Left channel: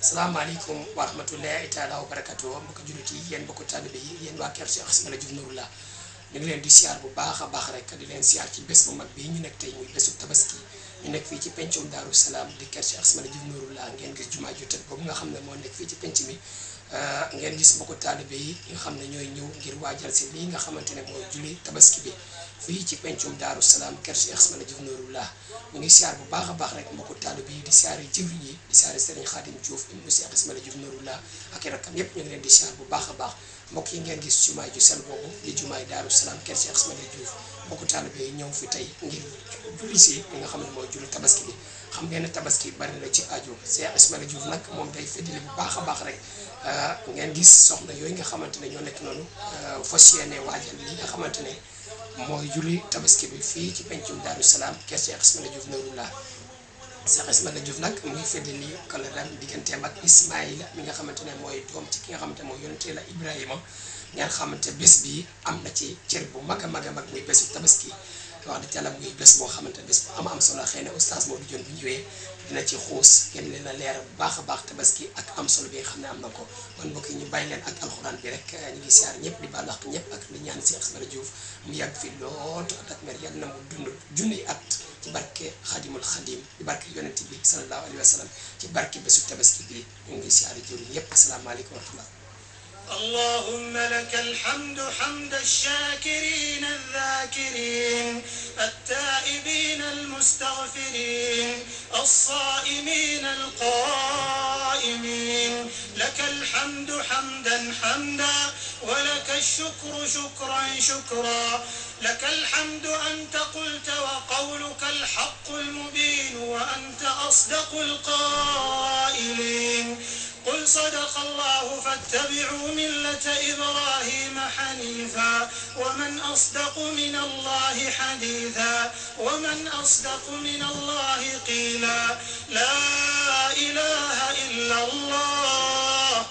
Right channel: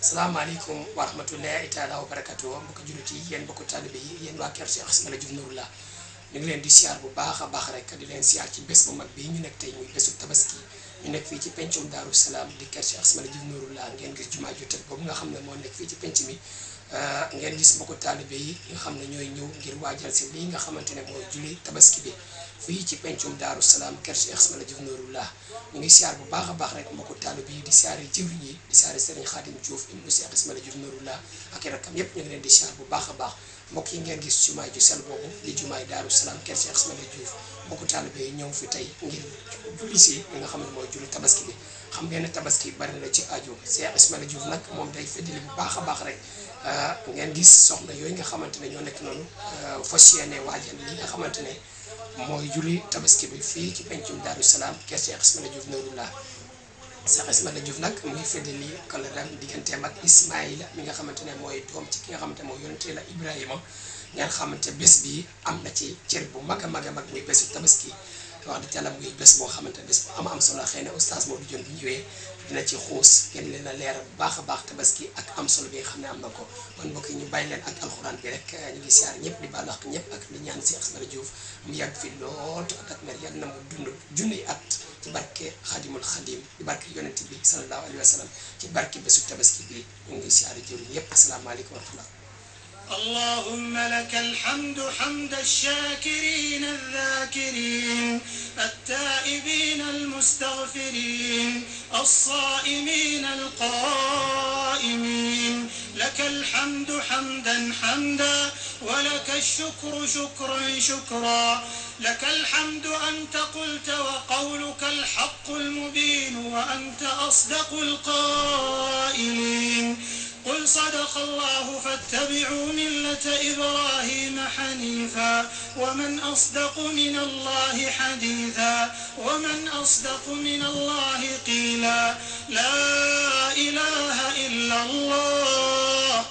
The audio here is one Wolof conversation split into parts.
salaamaaleykum wa rahmatullahi taala wa barakatuh mbokki jullit yi yéen mbokku taalibe yi yéen waa kër Cheikh Ismaila Diouf Nouroullah ñu ngi leen di siyaar bu baax a baax rek di leen siyaar ci bés bu mag bi ñu nekk tey muy bésu tabaski ñu nekk fii ci pencum Daaru Salaam di kër Cheikh Ismaila Diouf Nouroullah ngeen gis jumaa ju tëdd boobu nga xam ne moo nekk fii ci penc mi ngeen gis mbokku taalibe yi nga xam ne ñooy ñëw ngir waajal si lii nga xamante ne mooy julli tabaski bi fii ci pencum Daaru Salaam kër Cheikh Ismaila Diouf Nouroullah ñu ngi siyaar bu baax a baax rek mbokku taalibe yi di siyaare jëwriñ yi di siyaare Serigne Khadim Diouf ibnu Cheikh Ismaila Diouf Nouroullah ak i rakkam yépp ñu ngi leen di siyaar bu baax a baax mbokk yi ngeen gis jumaay ju sel boobu di jumaay Daaru Salaam kër Cheikh Ismaila Diouf mbokku taalibe yi ñëw fi tey ngir julli si li nga xam ne mooy julli tabaski bi xam ngeen ne tabaski bari na ci aju Cheikh Ismaila Diouf nag moom day feddali bu baax a baax rek ngeen gis soxna yooyu nga xamante ne ñoo nekk noonu fas yéene waajal li nga xamante ne mooy julli tabaski bi fii ci pencum Daaru Salaam kër Cheikh Ismaila Diouf Nouroullah Cheikh Ismaila Diouf nag muy feddali kóllëreem digganteem ak Ismaïla mi nga xamante ne mooy doom ci ki nga xamante ne mooy yonente la Ibrahima ngeen xamante bés bi am na ci cër bu mag a mag a mag muy bésu tabaski wax dëgg yàlla muy bés boo xamante bés bu am solo xëy na oustaz Modou Dione bu ñëwee dina ci xuus ngeen leen a leeral bu baax a baax tabaski ak am solo bi nga xam ne am na ko kon mbokk yi ñu bàyyi leen ak alxuraan bi rek ñu ngi siyaar ñëpp di baalu àq ñëpp ak di ñaan Cheikh Ismaila Diouf mu yàgg fi lool ak mer yàgg na mu dund junniy at ci barke xadimul xadim di barke yonent bi sallallahu alayhi wa sallam ci barke bésu tabaski bi ñu ngi siyaar jëwriñ ñëpp asalaamaaleykum wa rahmatullah اللهم لك الحمد حمد الشاكرين الذاكرين التائبين المستغفرين الصائمين القائمين لك الحمد حمدا حمدا ولك الشكر شكرا شكرا لك الحمد أنت قلت وقولك الحق المبين وأنت أصدق القائلين قل صدق الله فاتبعوا ملة إبراهيم حنيفا ومن أصدق من الله حديثا ومن أصدق من الله قيلا لا إله إلا الله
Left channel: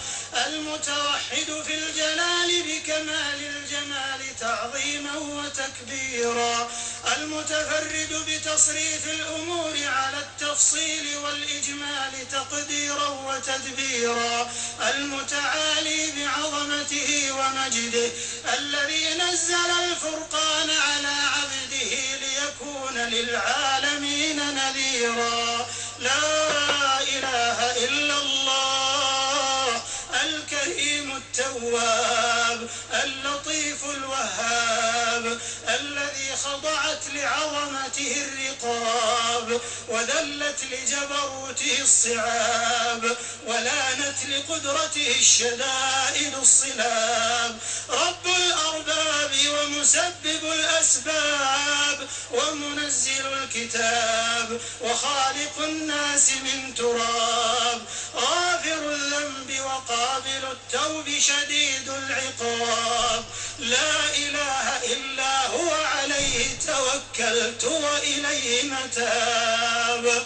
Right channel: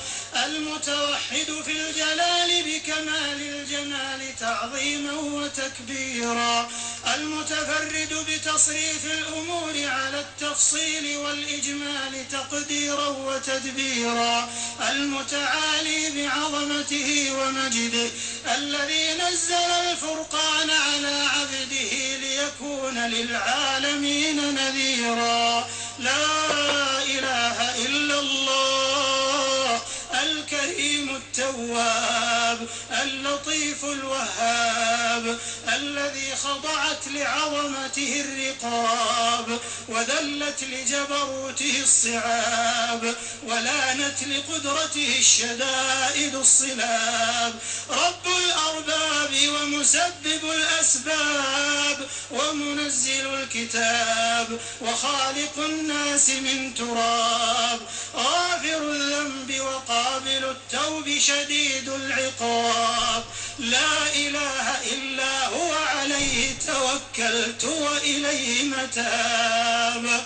المتوحد في الجلال بكمال الجمال تعظيما وتكبيرا المتفرد بتصريف الأمور على التفصيل والإجمال تقديرا وتدبيرا المتعالي بعظمته ومجده الذي نزل الفرقان على عبده ليكون للعالمين نذيرا لا إله إلا الله الكريم التواب اللطيف الوهاب الذي خضعت لعظمته الرقاب وذلت لجبروته الصعاب ولانت لقدرته الشدائد الصلاب رب الأرباب ومسبب الأسباب ومنزل الكتاب وخالق الناس من تراب غافر الذنب وقابل التوب شديد العقاب لا إله إلا هو عليه توكلت وإليه متاب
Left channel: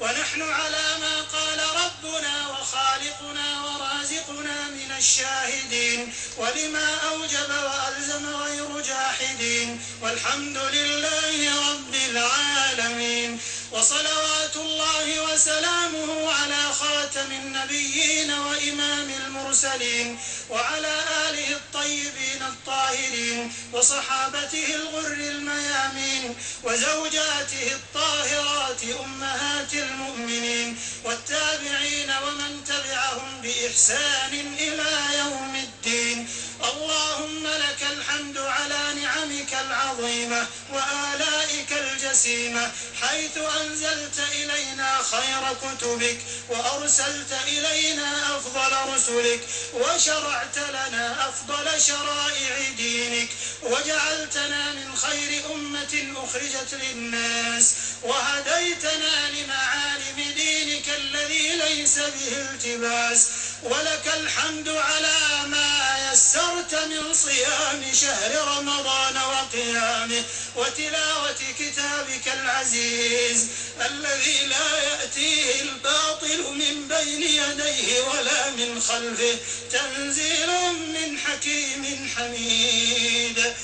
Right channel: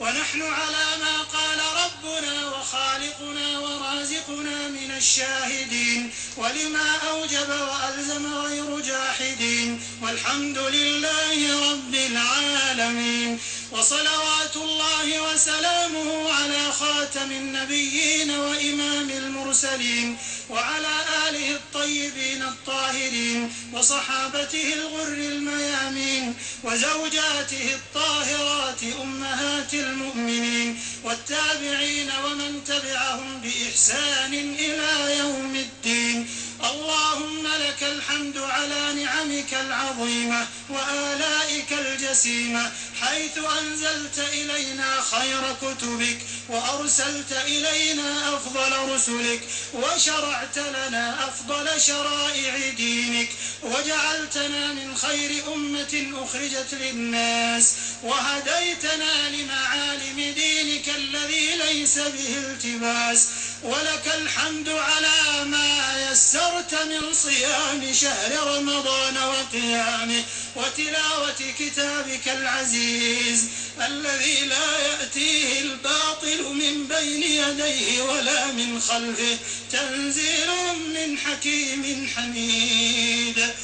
ونحن على ما قال ربنا وخالقنا ورازقنا من الشاهدين ولما أوجب وألزم غير جاحدين والحمد لله رب العالمين وصلوات الله وسلامه على خاتم النبيين وإمام المرسلين وعلى آله الطيبين الطاهرين وصحابته الغر الميامين وزوجاته الطاهرات أمهات المؤمنين والتابعين ومن تبعهم بإحسان إلى يوم الدين اللهم لك الحمد على نعمك العظيمة وآلائك الجسيمة حيث أنزلت إلينا خير كتبك وأرسلت إلينا أفضل رسلك وشرعت لنا أفضل شرائع دينك وجعلتنا من خير أمة أخرجت للناس وهديتنا لمعالم دينك الذي ليس به التباس ولك الحمد على ما يسرت من صيام شهر رمضان وقيامه وتلاوة كتابك العزيز الذي لا يأتيه الباطل من بين يديه ولا من خلفه تنزيل من حكيم حميد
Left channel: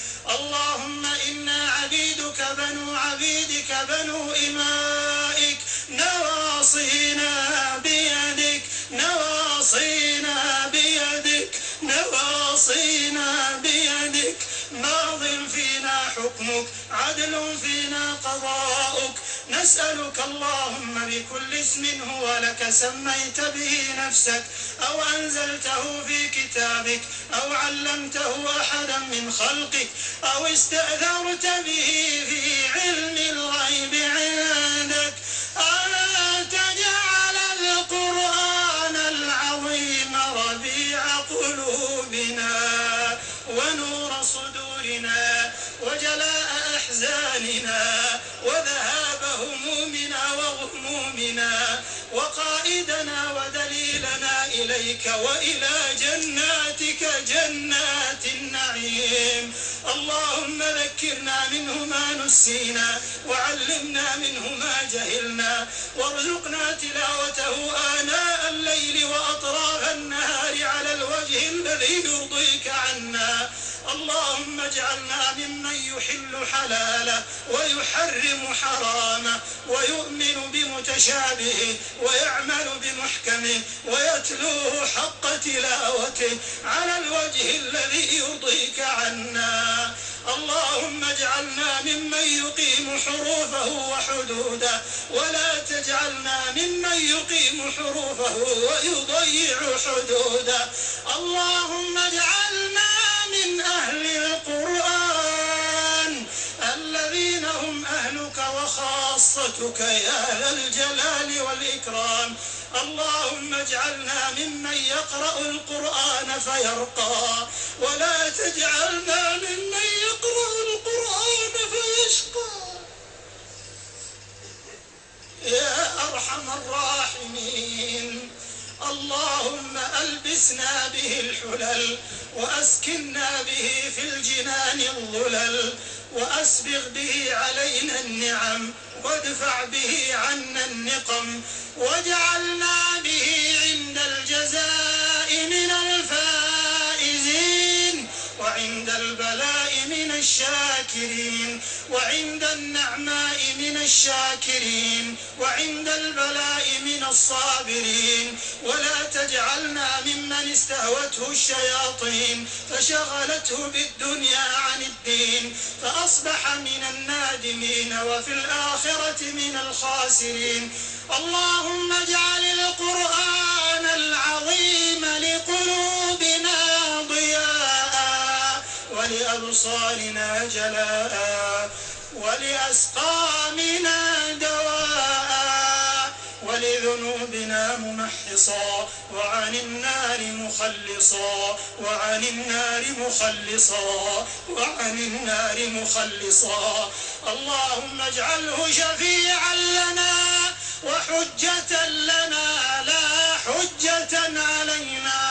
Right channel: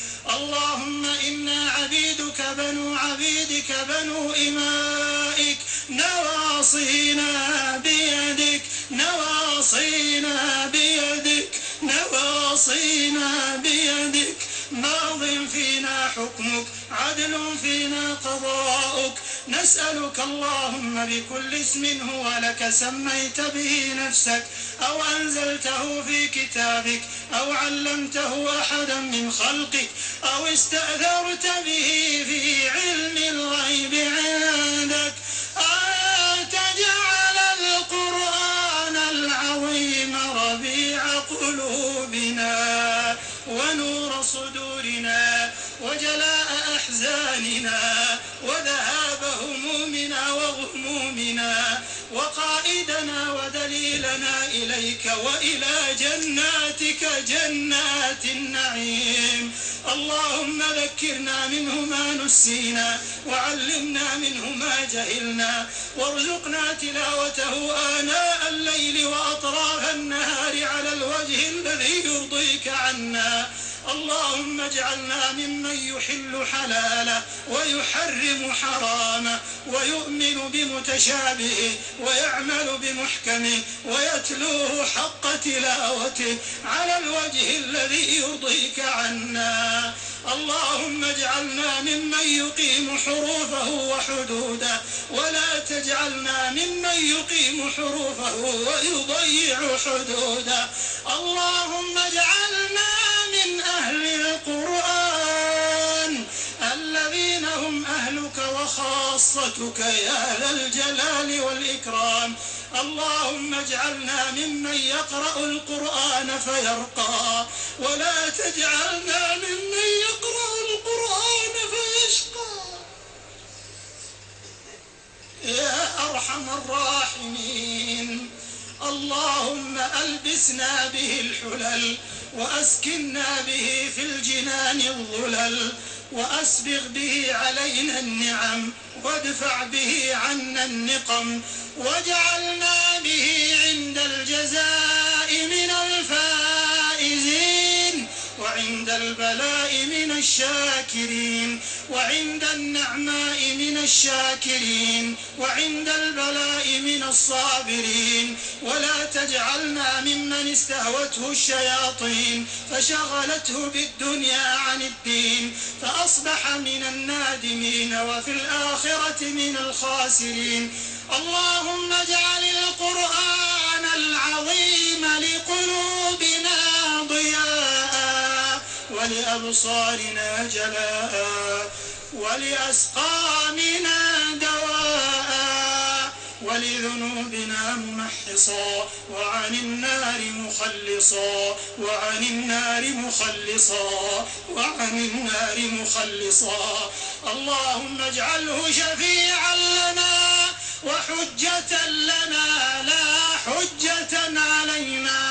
اللهم إنا عبيدك بنو عبيدك بنو إمائك نواصينا بيدك عدل فينا قضاؤك. نسألك اللهم بكل اسم هو لك سميت به نفسك أو أنزلته في كتابك أو علمته أحدا من خلقك أو استأثرت به في علم الغيب عندك أن تجعل القرآن العظيم ربيع قلوبنا ونور صدورنا وجلاء أحزاننا وذهاب همومنا وغمومنا وقائدنا ودليلنا إليك وإلى جناتك جنات النعيم. اللهم ذكرنا منه ما نسينا وعلمنا منه ما جهلنا وارزقنا تلاوته آناء الليل وأطراف النهار على الوجه الذي يرضيك عنا. اللهم اجعلنا ممن يحل حلاله ويحرم حرامه ويؤمن بمتشابهه ويعمل بمحكمه ويتلوه حق تلاوته على الوجه الذي يرضيك عنا. اللهم اجعلنا ممن يقيم حروفه وحدوده ولا تجعلنا ممن يقيم حروفه ويضيع حدوده. اللهم اجعلنا من أهل القرآن الذين هم أهلك وخاصتك يا ذا الجلال والإكرام. اللهم اجعلنا ممن يقرأ القرآن فيرقى ولا تجعلنا ممن يقرأ القرآن فيشقى يا أرحم الراحمين. اللهم ألبسنا به الحلل وأسكننا به في الجنان الظلل وأسبغ به علينا النعم وادفع به عنا النقم واجعلنا به عند الجزاء من الفائزين وعند البلاء من الشاكرين وعند النعماء من الشاكرين وعند البلاء من الصابرين. ولا تجعلنا ممن استهوته الشياطين فشغلته بالدنيا عن الدين فأصبح من النادمين وفي الآخرة من الخاسرين. اللهم اجعل القرآن العظيم لقلوبنا ضياء ولأبصارنا جلاء ولأسقامنا دواء ولذنوبنا ممحصا وعن النار مخلصا وعن النار مخلصا وعن النار مخلصا. اللهم اجعله شفيعا لنا وحجة لنا لا حجة علينا.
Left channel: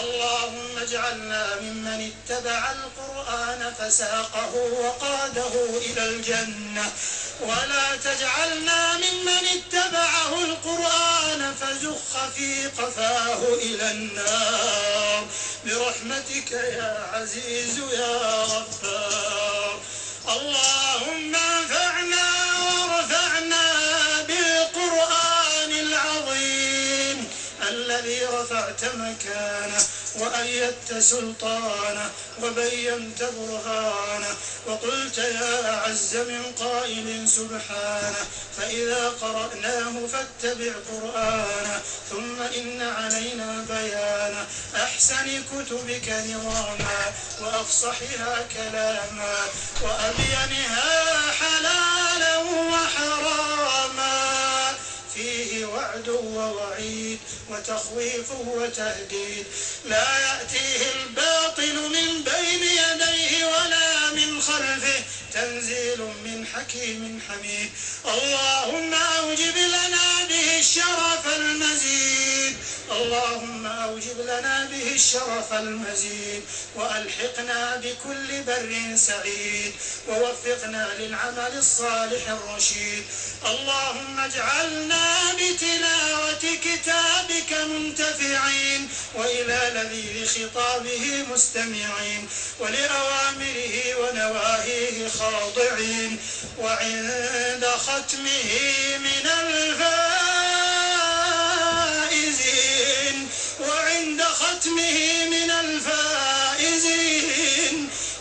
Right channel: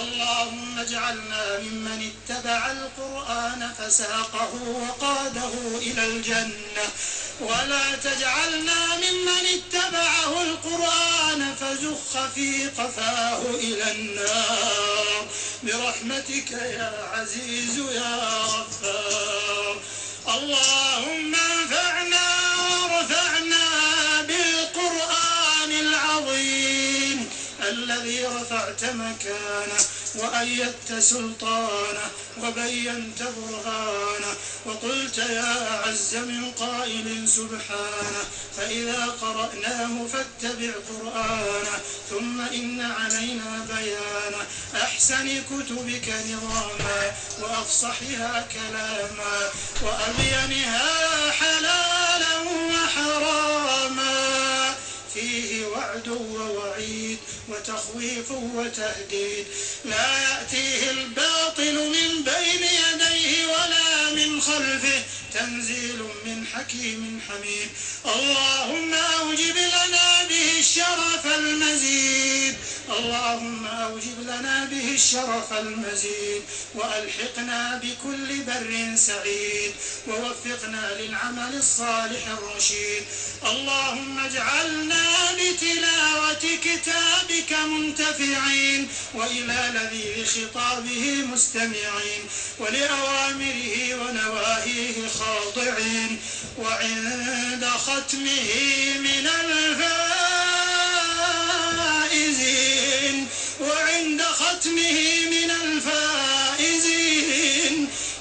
اللهم اجعلنا ممن اتبع القرآن فساقه وقاده إلى الجنة ولا تجعلنا ممن اتبعه القرآن فزخ في قفاه إلى النار برحمتك يا عزيز يا غفار. اللهم انفعنا وارفعنا بالقرآن العظيم الذي رفعت مكانه وأيدت سلطانه وبينت برهانه وقلت يا عز من قائل سبحانه فإذا قرأناه فاتبع قرآنه ثم إن علينا بيانه أحسن كتبك نظاما وأفصحها كلاما وأبينها حلالا وحراما فيه وعد ووعيد وتخويف وتهديد لا يأتيه الباطل من بين يديه ولا من خلفه تنزيل من حكيم حميد. اللهم أوجب لنا به الشرف المزيد اللهم أوجب لنا به الشرف المزيد وألحقنا بكل بر سعيد ووفقنا للعمل الصالح الرشيد. اللهم اجعلنا بتلاوة كتابك منتفعين وإلى لذيذ خطابه مستمعين ولأوامره ونواهيه خاضعين وعند ختمه من الفائزين وعند ختمه من الفائزين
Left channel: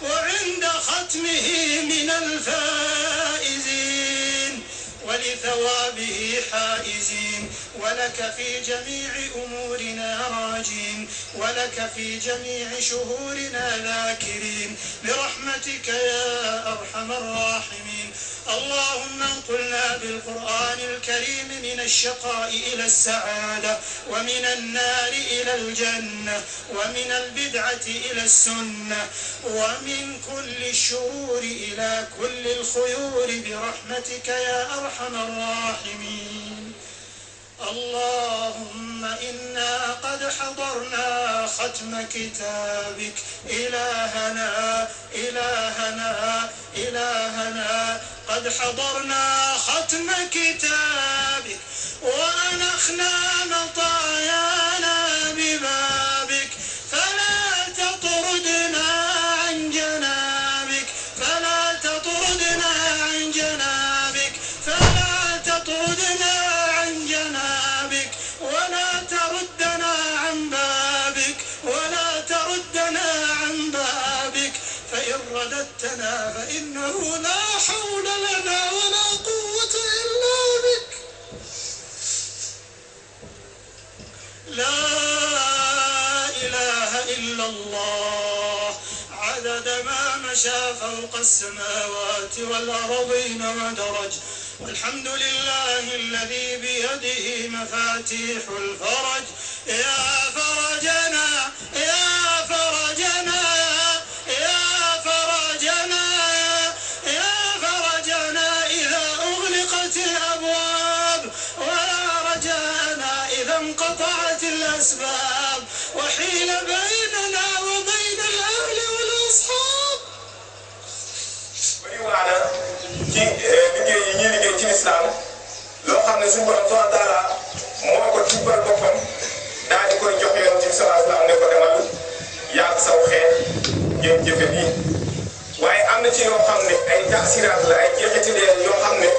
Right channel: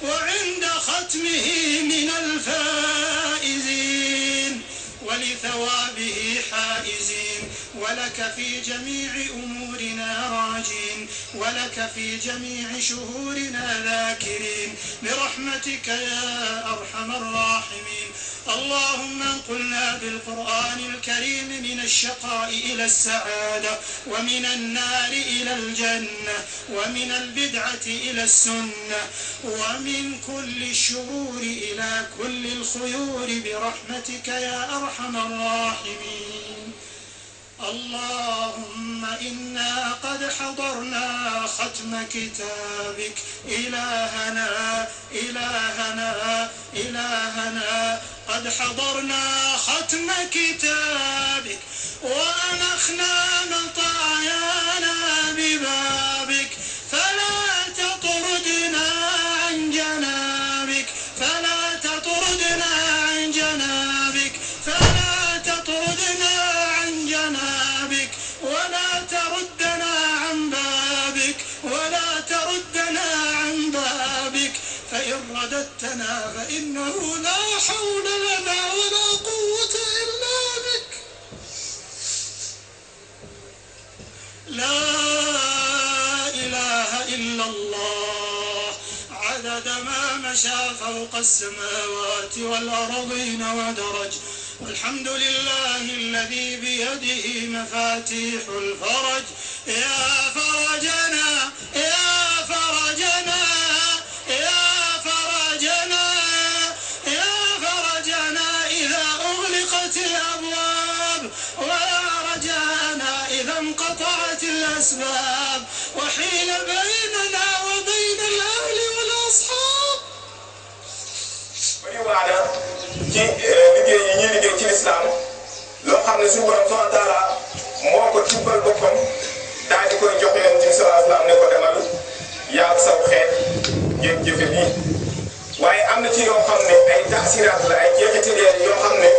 وعند ختمه من الفائزين فائزين ولثوابه حائزين ولك في جميع أمورنا راجين ولك في جميع شهورنا ذاكرين برحمتك يا أرحم الراحمين. اللهم انقلنا بالقرآن الكريم من الشقاء إلى السعادة ومن النار إلى الجنة ومن البدعة إلى السنة ومن كل الشرور إلى كل الخيور برحمتك يا أرحم الراحمين. اللهم إنا قد حضرنا ختم كتابك إلهنا إلهنا إلهنا قد حضرنا ختم كتابك وأنخنا مطايانا ببابك فلا تطردنا عن جنابك فلا تطردنا عن جنابك فلا تطردنا عن جنابك ولا تردنا عن بابك ولا تردنا عن بابك فإن رددتنا فإنه لا حول لنا ولا قوة إلا بك. لا إله إلا الله عدد ما مشى فوق السماوات والأرضين ودرج والحمد لله الذي بيده مفاتيح الفرج. يا فرجنا يا فرجنا يا فرجنا يا فرجنا إذا أغلقت الأبواب ويا رجانا إذا انقطعت الأسباب وحيل بيننا وبين الأهل والأصحاب. ci liggéey yi ñuy liggéey ci lislaam loo xam ne suñu borom subhanahu wa taala moo ko tibbal boppam daal di koy jox yoon ci sallallahu alayhi wa sallam ne ko demal yaa saw xeet ngeen jëfe nii waaye am na ci yoo xam ne ay taasiraat la ay jeexitaleen yoo xam ne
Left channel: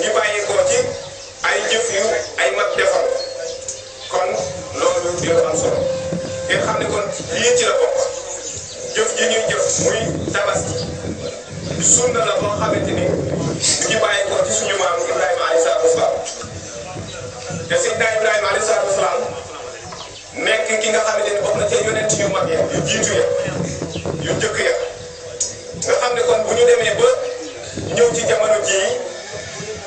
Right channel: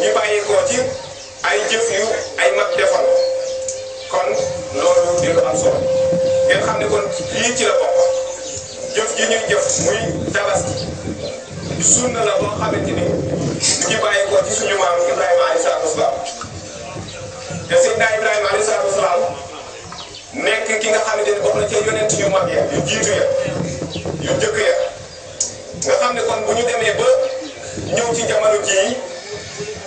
ñu bàyyi ko ci ay jëf yu ay mag defal kon loolu dina am solo ngeen xam ne kon lii ci la bokk jëf gi ñuy jëf muy tabaski sunna la boo xamante ni ñu ngi bàyyi ko ci suñu maam Ibrahima alayhi salaatu wasalaam te Seydina Ibrahima alayhi salaatu wasalaam nekk ki nga xamante ni bokk na ci yonent yu mag yi yu jiitu ya yu njëkk ya nga xam ne kon bu ñu demee ba ñëw ci jamono jii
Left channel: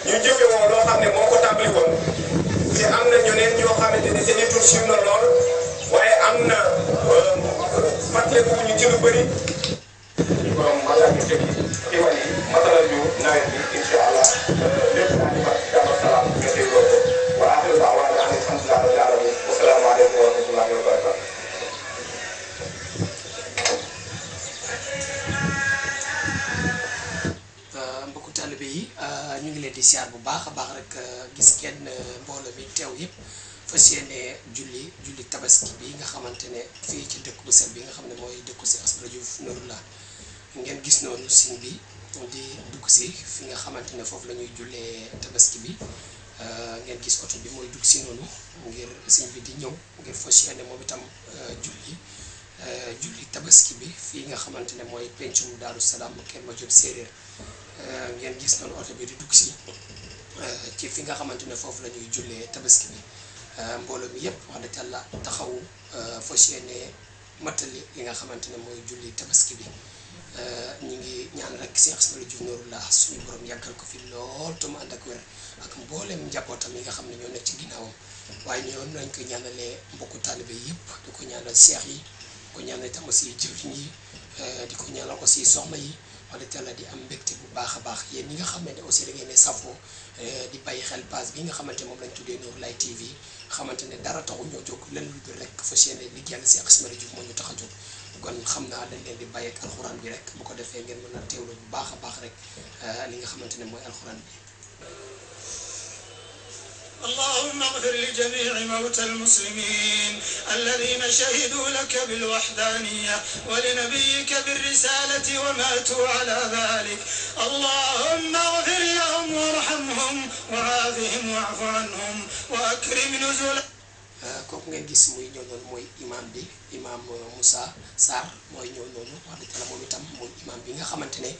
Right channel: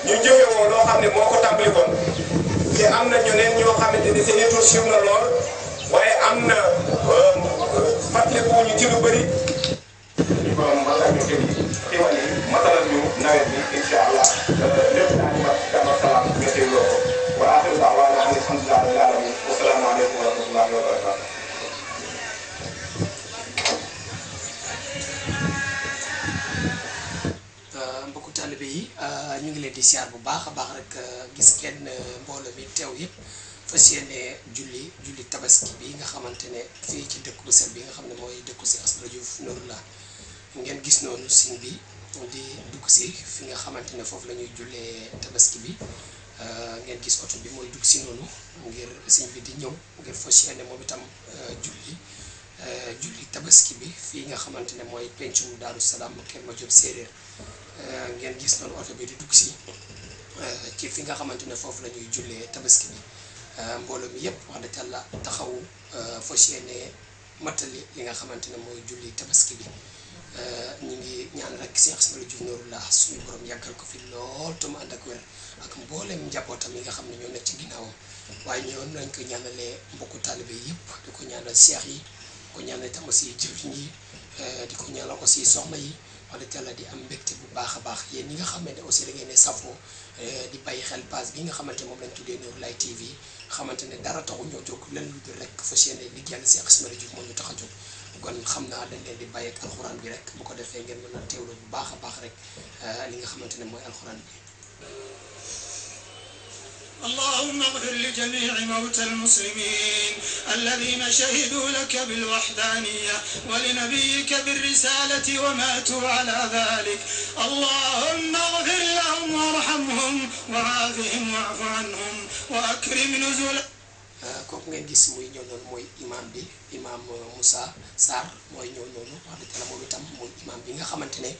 ñu jëfee moom loo xam ne moo ko tàmbali kon te am na ñeneen ñoo xamante ni seen yëngu sunna lool waaye am na fàttali ko ñu ci lu bëri. kon maanaam ñu dégg ci wàll yi matalal ñu nawet bi incha allah lépp daal di ko jàmm salaam ñu dégloo ko wa axiru da'waana an alhamdulillahi rabbil alamin wa salaamu aleykum wa rahmatullahi wa barakatuh. mbokku taalibe yi ñu ngi leen di siyaar bu baax a baax rek gis kenn mbooloo mi teew yëpp fas yéene julli tabaski bi nga xamante ne fii ci dëkk bu sel bi nga xam ne mooy dëkku si Asbara Diouf Nouroullah ngeen gis noonu siñ bi di dugg si fi nga xamante ne foofu la ñuy jullee tabaski bi ngeen gis oto bi mooy dugg si noonu ngir siñ bi di ñëw ngir fas yéene moom itam julli tabaski bi fii nga xamante ne mooy pencum Daaru Salaam Kër Madiop Séeréer ngeen gis noonu oto bi di dugg si ci fi nga xamante ne foofu la ñuy jullee tabaski bi mbooloo mi yëpp wax dëgg yàlla taxawu fas yéene mattali li nga xamante ne mooy julli tabaski bi ñu ngi ñaan rek Cheikh Ismaïla Diouf Nouroullah suñu borom yàggal ko fi lool te mu ànd ak wér ak mboolem njabootam yi nga xam ne ñoo nekk ci ginnaawam waaye ñoom lañ ko ñaanalee mbokku taalibe yëpp di ko ñaanal cheikh yi di ko ñaanal itam aussi jëwriñ yi di ko ñaanal aussi soxna yi wax dëgg yàlla di am mbégte bu baax a baax yéen ñi nga xamante ne aussi da ngeen ne safoo di bàyyi xel page bi nga xamante moom lañ tuddee Nouroulaye TV xamante ne dara taxu ñoo jóg leen lu dul rek fas yéene liggéeyal Cheikh Ismaïla Diouf moo ñu tax a jóg kon xam naa dañ leen di bàyyi ak alxuraan bi rek bu ko defee ngeen mën a teewlu bu baax a baax rek li nga xamante ne mooy alxuraan bi. اللهم اغفر لجميع موتى المسلمين الذين شهدوا لك بالوحدانية ولنبيك بالرسالة وماتوا على ذلك اللهم اغفر لهم وارحمهم وعافهم واعف عنهم وأكرم نزلهم. kooku ngeen gis muy ñëw noonu mooy imam bi imam Moussa Sarr mooy ñëw noonu wax dëgg yàlla moom itam mooy imam bi nga xamante ne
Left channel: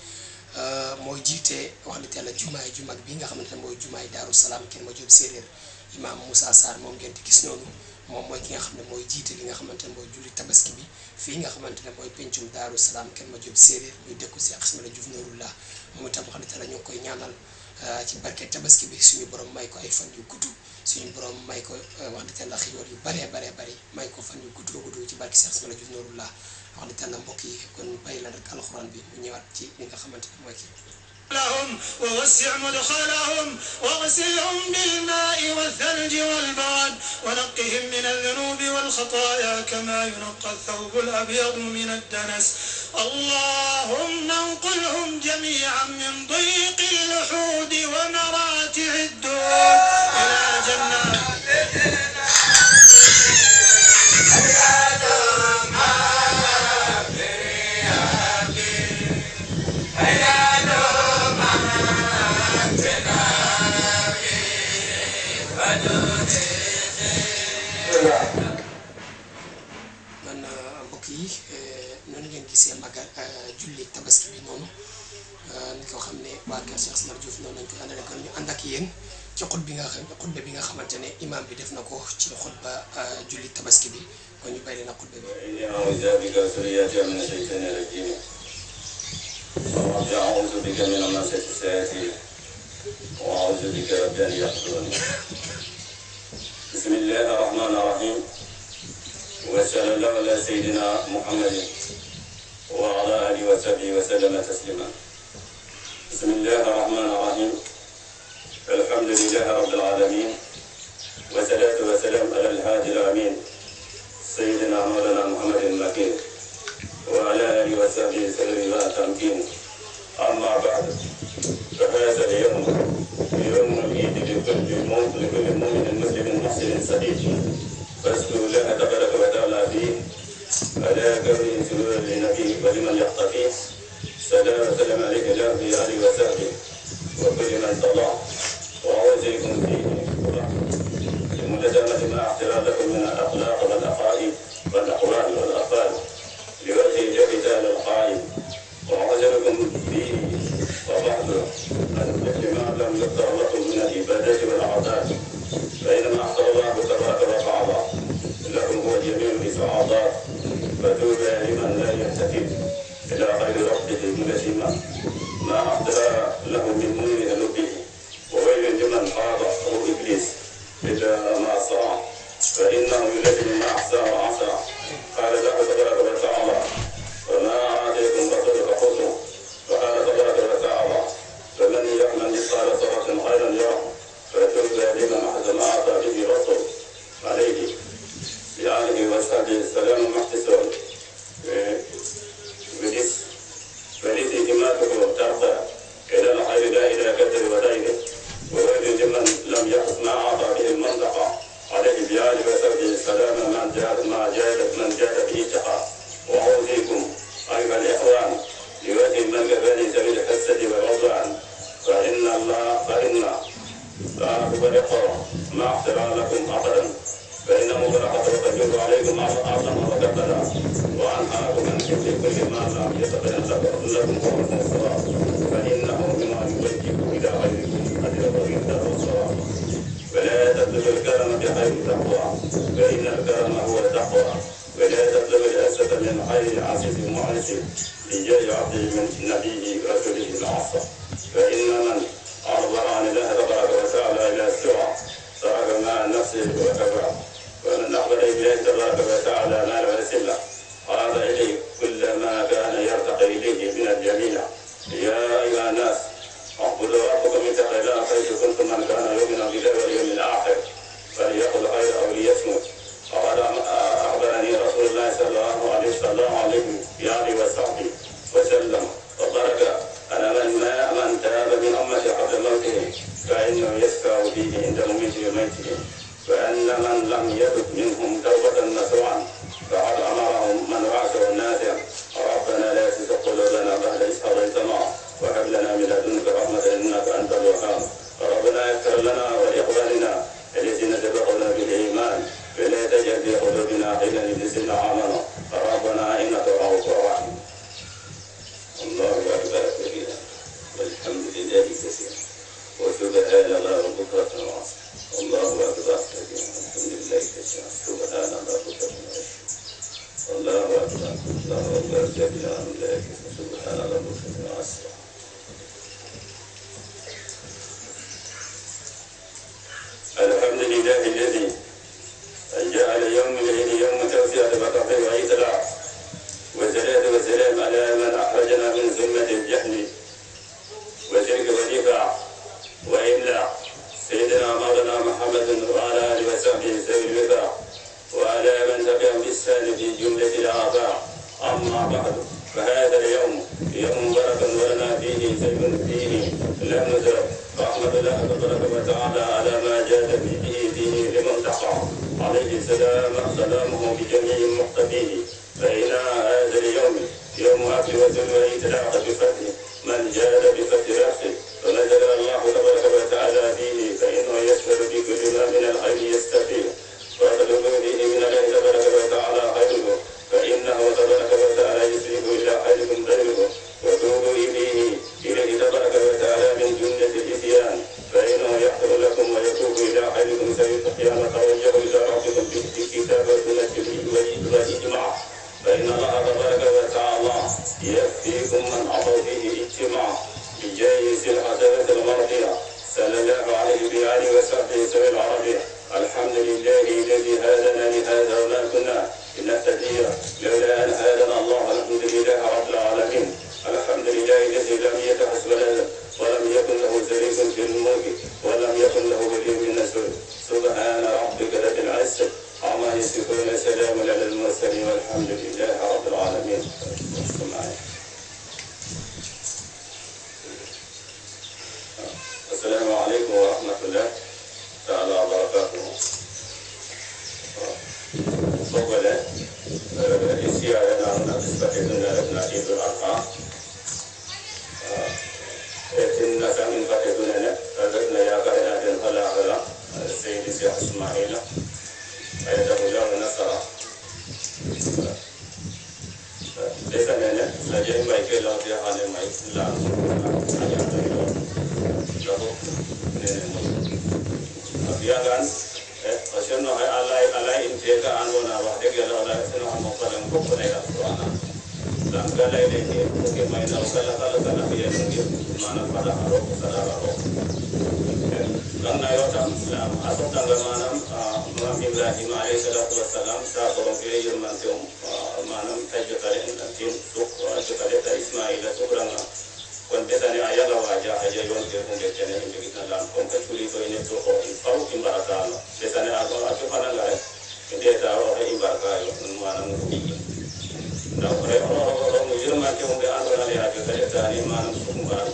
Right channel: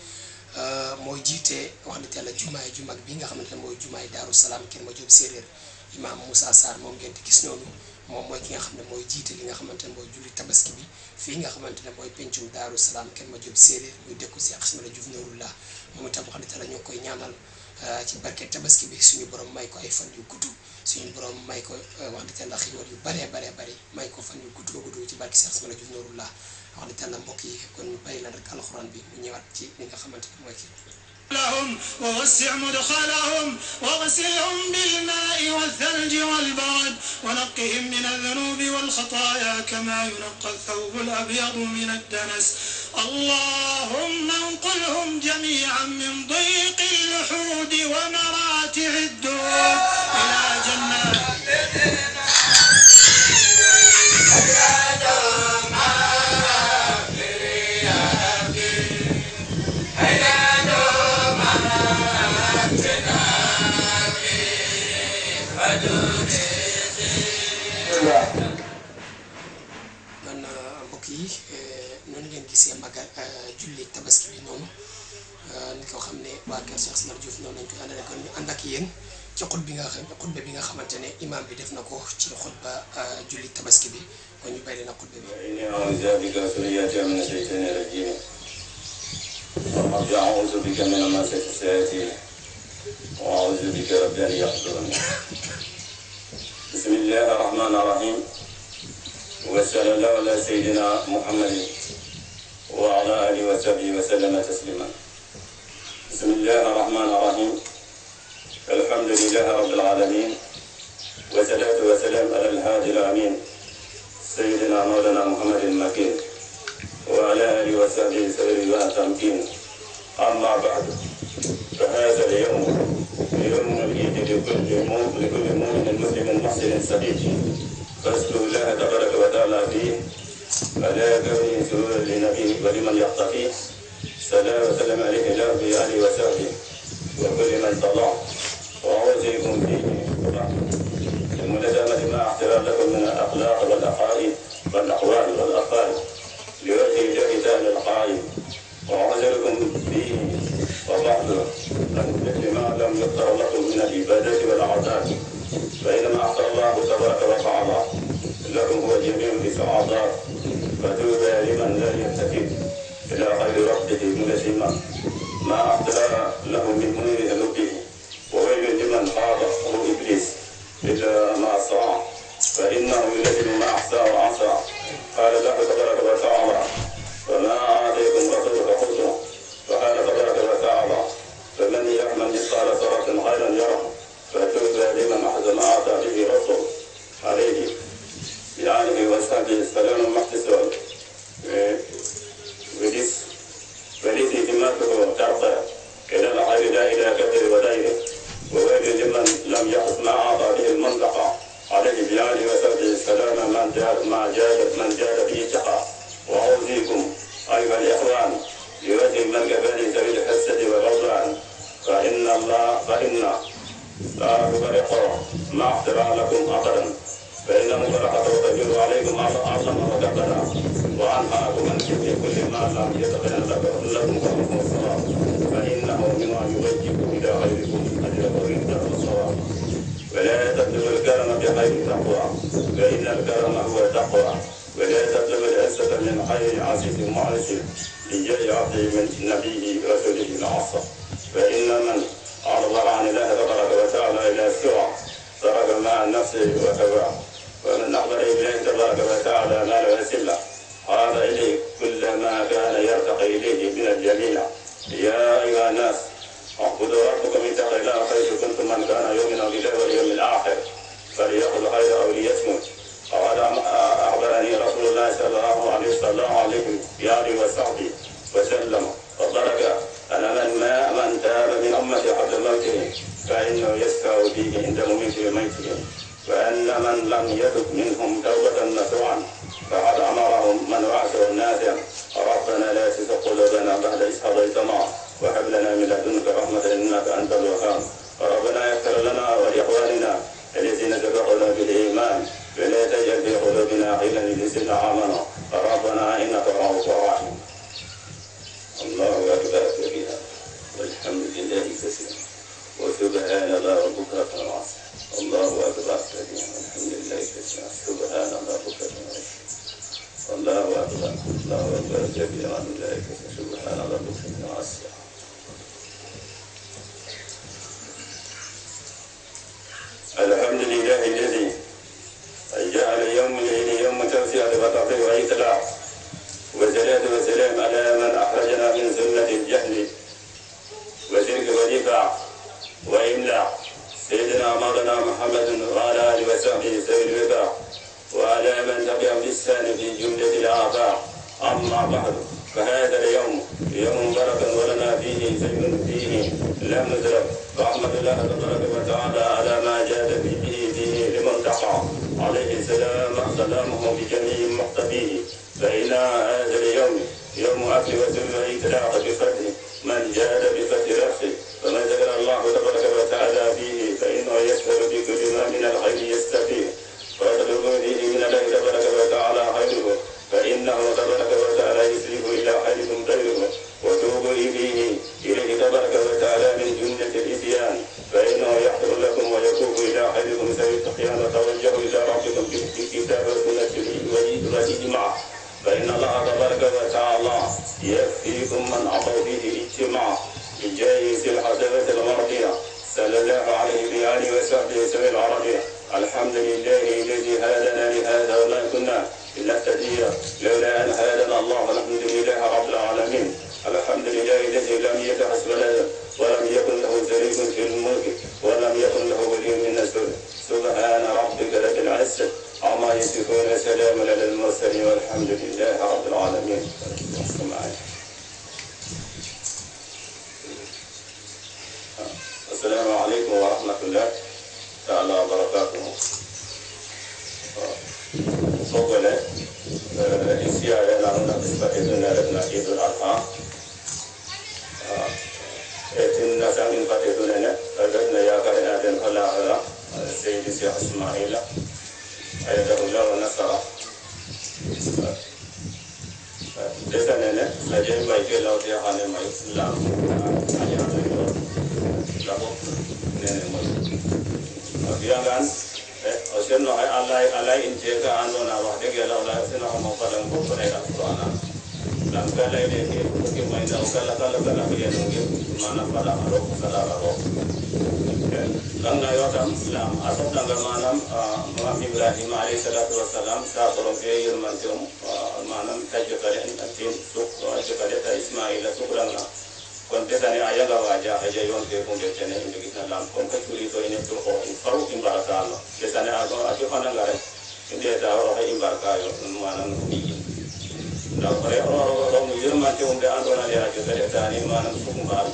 mooy jiite wax dëgg yàlla jumaay ju mag bi nga xamante ne mooy jumaay Daaru Salaam Kër Madiop Séeréer Imam Moussa Sarr moom ngeen di gis noonu moom mooy ki nga xam ne mooy jiite li nga xamante ne mooy julli tabaski bi fii nga xamante ne mooy pencum Daaru Salaam Kër Madiop Séeréer muy dëkku Cheikh Ismaïla Diouf Nouroullah moom itam wax dëgg yàlla ñu ngi koy ñaanal ci barke tabaski bi suñu borom may ko ay fan yu gudd suñu borom may ko wax dëgg yàlla xiiwal yu baree bari may ko fan yu gudd ci barke Cheikh Ismaïla Diouf Nouroullah wax dëgg yàlla mbokk yi kon bàyyi la rek alxuraan bi mu ñëwaat ci li nga xamante ne mooy kii لهم ووسع مدخلهم واغسلهم بالماء والثلج والبرد ونقهم من الذنوب والخطايا كما ينقى الثوب الأبيض من الدنس اللهم انقلهم جميعا من ضيق اللحود ومراتع الدروب إلى جنات man mbokk yi noonu ngeen gisee magal julli tabaski bi noonu ni ko xam ne waa kër Cheikh Ismaïla Diouf noonu lañ koy àndale kon ñu ànd ak yéen ci xutba bi nga xamante ne imam bi def na ko ci xutba julli tabaski bi kon ñu bàyyi leen ak xutba bi أعوذ بك من همزات الشياطين وأعوذ بك رب أن يحضرون بسم الله الرحمن الرحيم وصلى الله على سيدنا محمد وعلى آله وصحبه وسلم تسليما بسم الله الرحمن الرحيم الحمد لله رب العالمين والصلاة والسلام على الهادي الأمين سيدنا مولانا محمد المكين وعلى آله وصحبه سيره وتمكين أما بعد فهذا اليوم يوم العيد لكل مؤمن مسلم محسن سعيد فاسأل الله تبارك وتعالى فيه على كون سرور للنبي ولمن يقتفيه سلام وسلام عليه لا في آله وصحبه وكل من طلع وأوصيكم به الملازمة مع احترامكم من الأخلاق والعقائد والأقوال والأفعال لوجه الله تعالى القائد وعذركم به وبعض المثل ما لم يختر له من العبادات والعطاء فإنما أعطى الله تبارك وتعالى لكم هو جميع الإسعادات فدعوا لمن لا يهتدي إلى غير ربه منسما ما أعطى له من نور لبه وويل لمن خاب أو إبليس إلا ما صاع فإنه الذي ما أحصى وعصى قال الله تبارك وتعالى وما آتيتم رسول فخذوه وقال تبارك وتعالى فمن يعمل مثقال ذرة خيرا يره فكيف لمن أحد ما أتى به رسول عليه بآله وصحبه السلام المحتسب بجس فيما تقول ترفع إلى الخير لا إلى كثر ودينه وويل لمن لم يحس ما أعطى به المنطقة عليه بآله وصحبه السلام من جاد فيه شقاء وأوصيكم أيها الإخوان بوجه من كفاني سبيل الحسد والعدوان فإن فأخبركم مع احترامكم أثرا فإنه قد يجب عليكم أعظم وجبنا وعن حقكم أن كل ما لم يتقن لكم لكم الصلاة فإنه مما يوجهكم إلى غيركم أن يكون ذات الصلاة ولا تبلغ الكرم بخير تقوى فإن الكرم هو التقوى ولا تبلغ الأسد من خير عزيز معسر لجيل عبد من نبيه وكله معصى فإن من عرض عن الله تبارك وتعالى إلى السرعة فهذا مع نفسه وهواه ومن أحضر إليه تبارك وتعالى مال وسلة عاد إليه كل ما كان يرتقي إليه من الجميع يا أيها الناس اعبدوا ربكم اتقوا الله حيث كنتم من كان يؤمن بالله واليوم الآخر فليقل خير أو ليصمت أخبرني رسول الله صلى الله عليه وآله وصحبه وسلم وترك أن من تاب من أمتي حتى موته فإنه يشفع به عند موته وميته وأن من لم يتب منهم توبة نصوعا فقد أمرهم من وعده النافع ربنا لا تزغ قلوبنا بعد إذ هديتنا وهب لنا من لدنك رحمة إنك أنت الوهاب ربنا يغفر لنا ولإخواننا الذين سبقونا بالإيمان ولا تجعل في قلوبنا غلا للذين آمنوا ربنا إنك رؤوف رحيم الله أكبر سبحان ربك الحمد لله الذي جعل يوم توسعة فتقي وإطلاع والصلاة والسلام على من أخرجنا من ذمة الجهل وشرك الدفاع وإملاع سيدنا مولانا محمد وعلى آله وصحبه سيد الوداع وعلى من تبعهم بالإحسان في جملة الآفاق. أما بعد فهذا اليوم يوم بركة ولنا فيه سيد فيه لم ندرك فأحمد الله تبارك وتعالى على ما جاء فيه لمن دعا عليه السلام سلامه بجميع مقتديه. فإن هذا اليوم يوم أكل وسلم وإطلاق بفضل من جاد بفضل رأسه وما ذكر الله تبارك وتعالى فيه فإنه يشهد بكل ما من الخير يستفيد ويدعو به من الله تبارك وتعالى خيره فإنه تبارك وتعالى يسلب إلى خيركم خيره وتوبوا به إليه تبارك وتعالى من جملة الإتيان فإنه يغفر لكم ويتوب إلى خيركم سيستقيم وتوجهوا إلى ربكم بكتابة من الإجماع فإن الله تبارك وتعالى يكفيكم من أعطوا فيه اجتماع بجايز الحضارة الغربية صلى الله عليه وآله وصحبه وسلم العربية. الحمد لله الذي هدانا لهذا وما كنا لنهتدي لولا أن هدانا الله نحمد لله رب العالمين. الحمد لله الذي لم يتخذ ولدا ولم يكن له شريك في الملك ولم يكن له ولي من الذل. سبحان ربك رب العزة عما يصفون سلام على المرسلين والحمد لله رب العالمين. السلام عليكم ورحمة الله تعالى وبركاته. أولا استعارة معنا تستفيد من عيد الأضحى. الناس من فتدوننا فذكرنا يا فرناد فلا السيد الشيخ إسماعيل أيده الله ونصره. لكننا سجين بيت الله سيحان ما يسلم Biarkan, osin no alai injeka anu na waktu kita alai osin no mau kalau mau pergi ke sana. Langkah lain ini mungkin mainan kalau dia mungkin mana pada harus salah harus. Langkah wakam Islam atau tanggal malam Nabi Ibrahim alaihissalatu wassalam saat orang kaya yang macam malam kaji kalian nanti untuk kaji kalian Ismail sekurang konteksnya ayah lah wajah aja yang konteksnya ini kita dalam konteks ini tu perlu imbarakan. Misalnya ada mana nggak dia ada orang imbarakan mana ini. Kalau orang mujur macam dia ada orang yang ada tadi mana sumber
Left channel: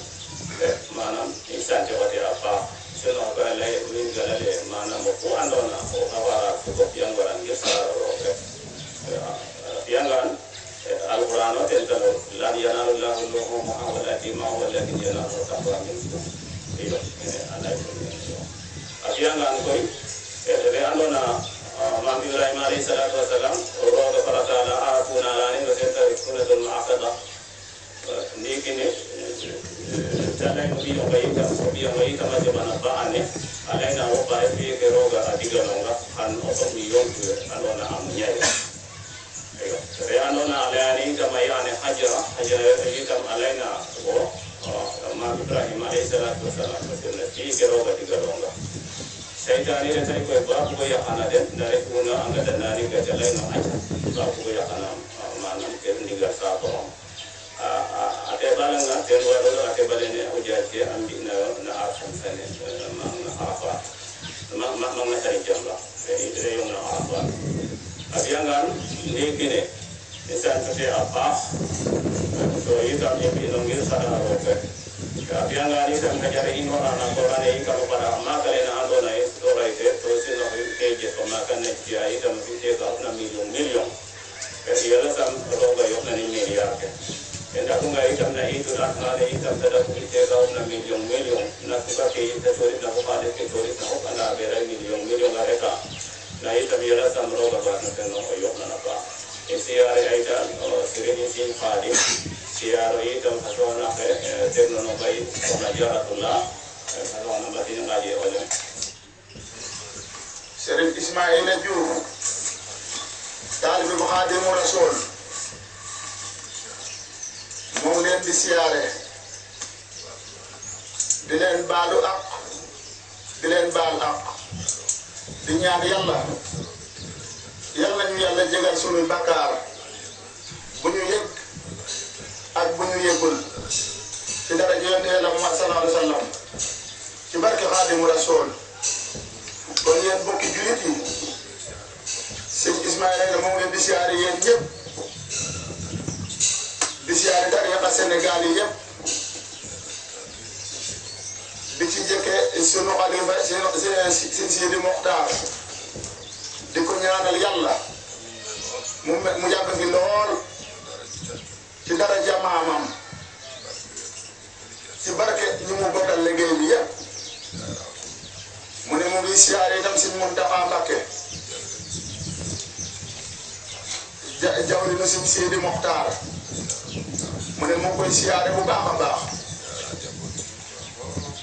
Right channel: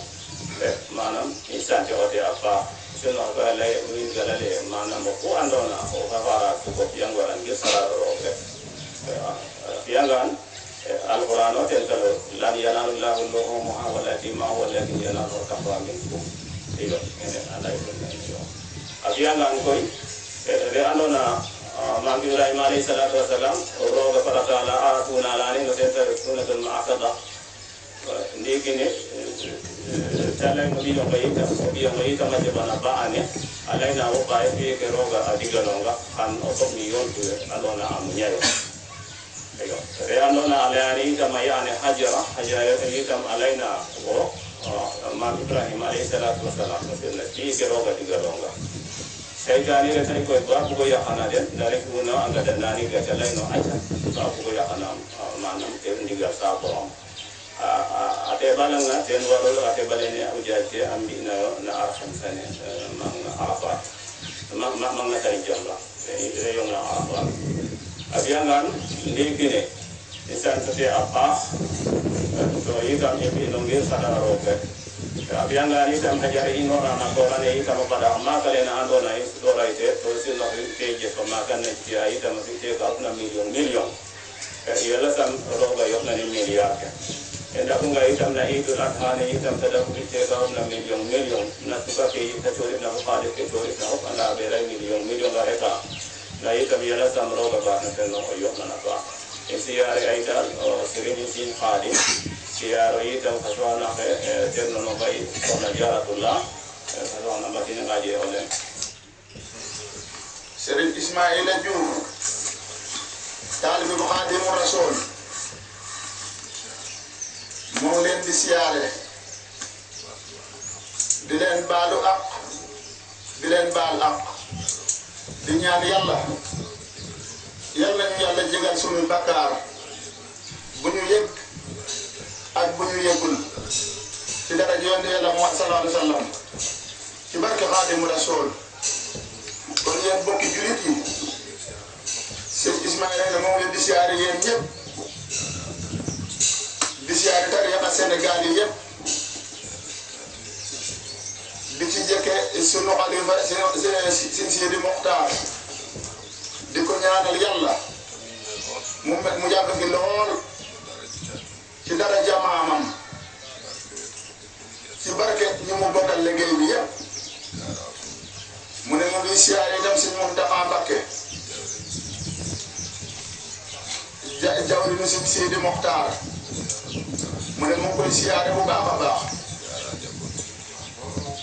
mana misalnya dia apa kalau ada lain minggalan mana mau anda nak orang cukup yang orang besar orang yang Al-Quran itu kalau lam yanalullahu luhumuha walakin walladhi yanalu taqwa minkum. Iya, ada itu. Apian langkoi, dari andona Nabi Ibrahim alaihissalatu wassalam, orang kepada kana atuna lani kita itu dengan ma'asadah. Ini kini, kalau dia baik macam mana bahannya, ada yang nak pakai dia keroga adilah longga kan otok milyon tu andona amnya. Reanona alani kama yani hajara hitam alaina go ma Ibrahim alaihissalatu wassalam ki beroga digalonga saidani sai ko babu go ya hanaden dari kuno angkada nani ke jalai no babu go ya hanam manam ke ndiga sabo ate balang na ten waro ate balene ujati ambina na arham sane ma apa ma ngatari jamba ini reyong na apa abiangan ini misalnya seperti apa so kita mengambil pada awalnya abiangan ini sampai hari ini orang ini kalau pada amal kalian ada naik sekolah itu terus lebih kerja pemakan negeri itu mesti kalau 6 miliar ialah kan orang bayar 6 miliar dan aku nggak itu naik itu rakyat itu sudah kerja kalau 6 miliar nanti pakai itu sulit nak pakai itu sulit nak anda berai miliar mereka nah itu ialah sama orang bahasa tenor oyok mana Siar aidan sering izin hadir siar aidan fatwa nak tenor nabai penajaratullah fatwa nama ini ngaji oleh Syarif Ismail Jum Talib Muhadir Rasul mu leen di siyaare di leen baalu ak di leen baal ak di ñaan yàlla yàlla ñu yàlla jégal suñu bakkaar bu ñu yëg ak bu ñu yëgul ci dara yonent Yàlla Muhammad sallallahu alayhi wa sallam ci barke Xaadimu Rasuul kon yéen bokki julit yi sëñ Ismaïla la moom leen di siyaare yéen ñëpp di siyaare tarixa Sénégal yi yëpp di ci jëkke sunu xalifa sëñ Sidi Moxtaar di ko ñaanal yàlla mu yàgg fi lool ci dara jamaamam ci barke ñu mu bokkal liggéey bi yëpp mu ne mu ngi siyaare itam si Muntaxa Mbakke jawriñu si Sidi Moxtaar mu ne mu koy siyaare bu baax a baax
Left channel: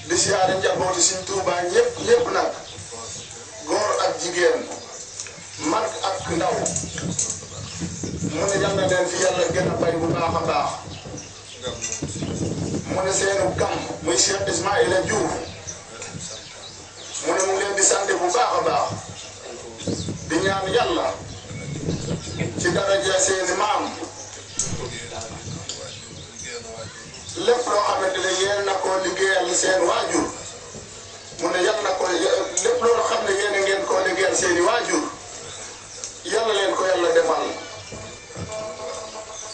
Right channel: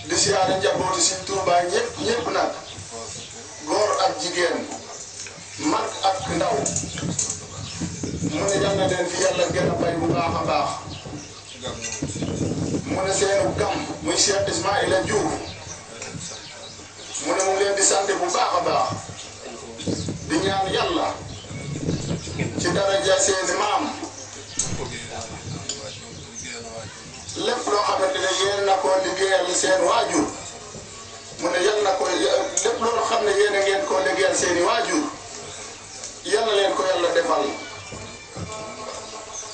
di siyaare njabootu si Tuubaa ñëpp nag góor ak jigéen mag ak ndaw mu ne yal na leen fi yàlla gën a bay bu baax a baax mu ne seenu gam muy Cheikh Ismaïla Diouf mu ne mu leen di sant bu baax a baax di ñaan yàlla ci daraja seeni maam lépp loo xamante ne yéen na ko liggéeyal seen waajur mu ne yal na ko lépp loo xam ne yéen a ngeen ko liggéeyal seeni waajur yàlla leen ko yàlla defal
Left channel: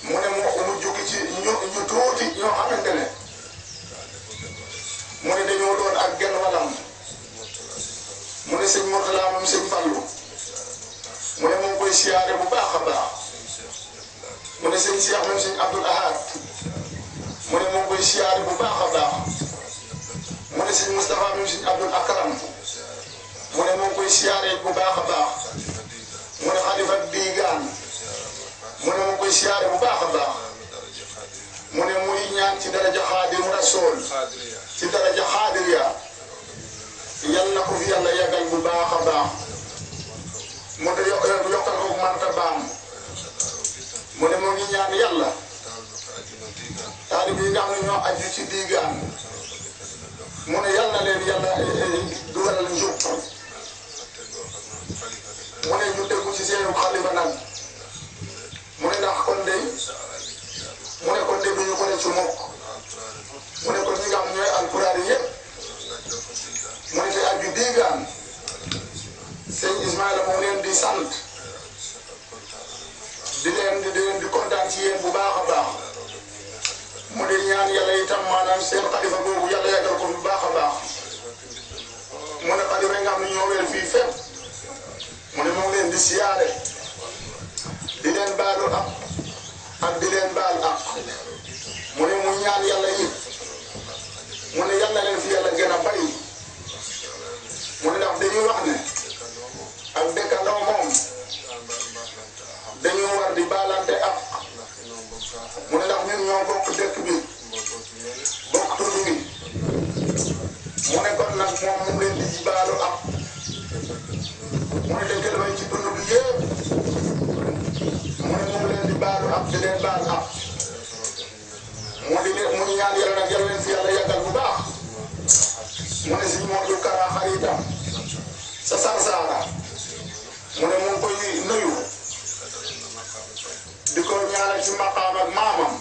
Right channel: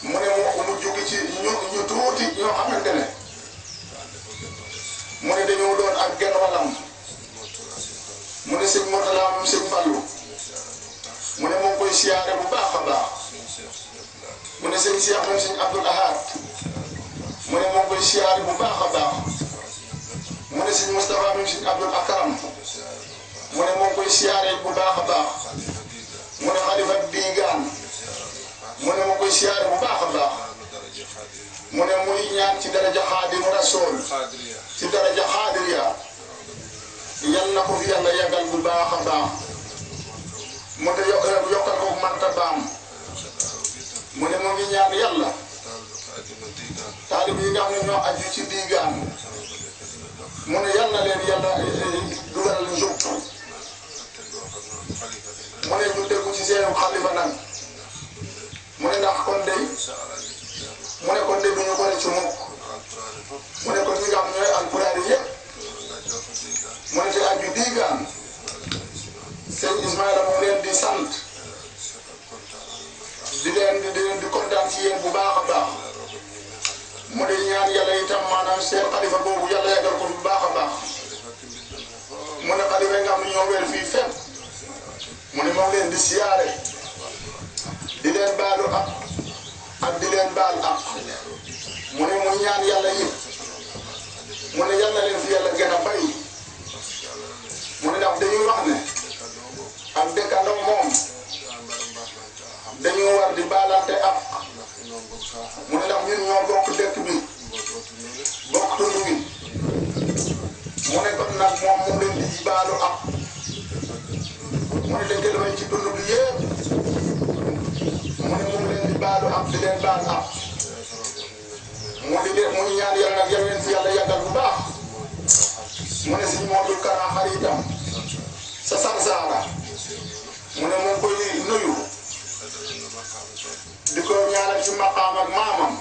mu ne mu jukki ci ñu tuuti ñoo xamante ne mu ne dañoo doon ak genn walam mu ne sëñ Murtala moom sëñ Fallu mu ne moom koy siyaare bu baax a baax mu ne sëñ Cheikh moom sëñ Abdul Ahad mu ne moom koy siyaare bu baax a baax mu ne sëñ Moustapha moom sëñ Abdul Akaram mu ne moom koy siyaare bu baax a baax mu ne xalifa Bigaan mu ne moom koy siyaare bu baax a baax mu ne muy ñaan ci daraja Xaadimu Rasuul ci daraja Xaadiriya yal na ko fi yàlla yàggal bu baax a baax mu ne yokkal ko martabaam mu ne mu ngi ñaan yàlla taalib yi nga xam ne ñoo aju ci Bigaan mu ne yal na leen yàlla dugalal njub mu ne ñu déggu ci seenu xalifa nag mu ne ndax kon de mu ne kon de du ñu boole ci mukk mu ne kon ñi nga xam ne alpulaar yi yëpp mu ne ci aju Bigaan sëñ Ismaïla moo leen di sant di leen di kontaan ci yéen bu baax a baax mu ne ñaan yàlla itam maanaam seen xalifa boobu yàlla yàggal ko bu baax a baax mu ne xalifa yi nga xam ne ñoo wel fii fépp mu ne moo leen di siyaare di leen baalu ak di leen baal ak mu ne mu ñaan yàlla yi mu ne yàlla leen fi yàlla gën a bari mu ne ndax dañuy wax ne ak dëkkandoo moom dañoo war di baalante ak mu ne ndax ñun ñoo bokk dëkk bi bokk tur bi mu ne kon nag moom mu leen di baalu ak mu ne dëkkandoo ci dund bi yëpp mu ne mu leen di baalu ak di leen baal ak mu ñaan yàlla nag yal leen fi yàlla yàggal bu baax mu ne si Modou Kara xaritam sa Sarsara mu ne mu ngi koy nuyu di ko ñaanal ci maqaam ak maamam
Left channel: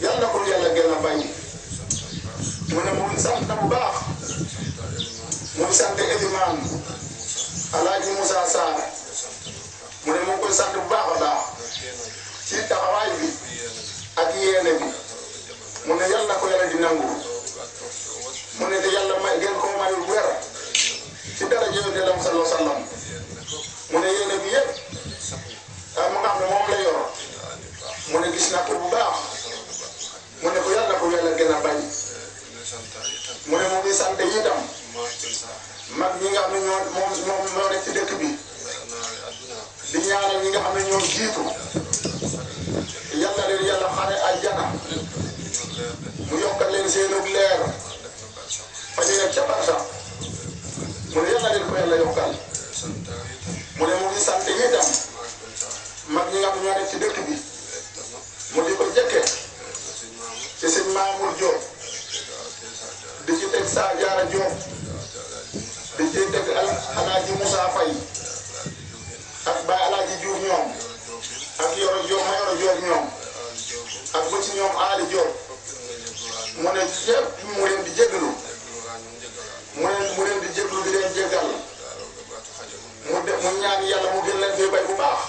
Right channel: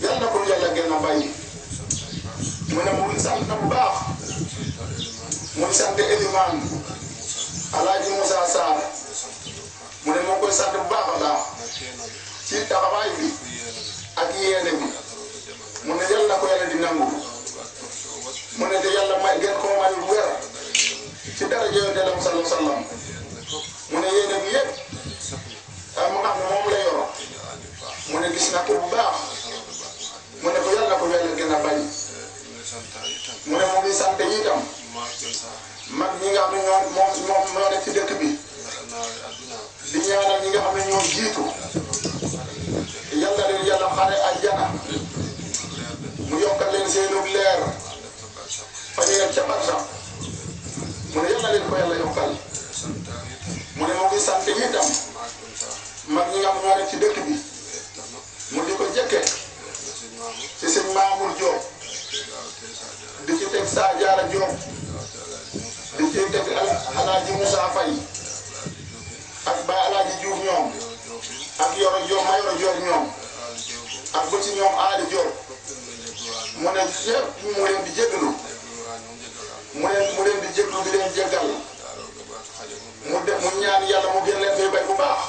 yal na ko yàlla gën a bàyyi mu ne mu ngi sant bu baax mu ngi sant Eliman Alaaji Moussa Sarr mu ne mu ngi koy sant bu baax a baax ci taxawaay bi ak yéene bi mu ne yal na ko yàlla di nangu mu ne de yàlla may gën koo may wér ci dara jënd dem sallallahu alayhi wa sallam mu ne yéene bi yëpp mu nga xam ne moom la yor mu ne gis na ko bu baax mu ne ko yàlla ko yàlla gën a bañ mu ne mu ngi sant itam mag ñi nga xam ne ñoo nekk ci dëkk bi di ñaanal ñi nga xam ne ñoo jiitu yàlla leen yàlla xare àjjana mu yokkal leen seenu leer fa ñu nekk ca barsa mu ne yàlla leen ko yàlla yokkal mu ne mu ngi sant itam mag ñi nga xam ñoo nekk ci dëkk bi mu di ko jëkke yëpp mu leen di jégalu mu leen di jéglu di leen jégal mu ñaan yàlla mu gën leen koy bay bu baax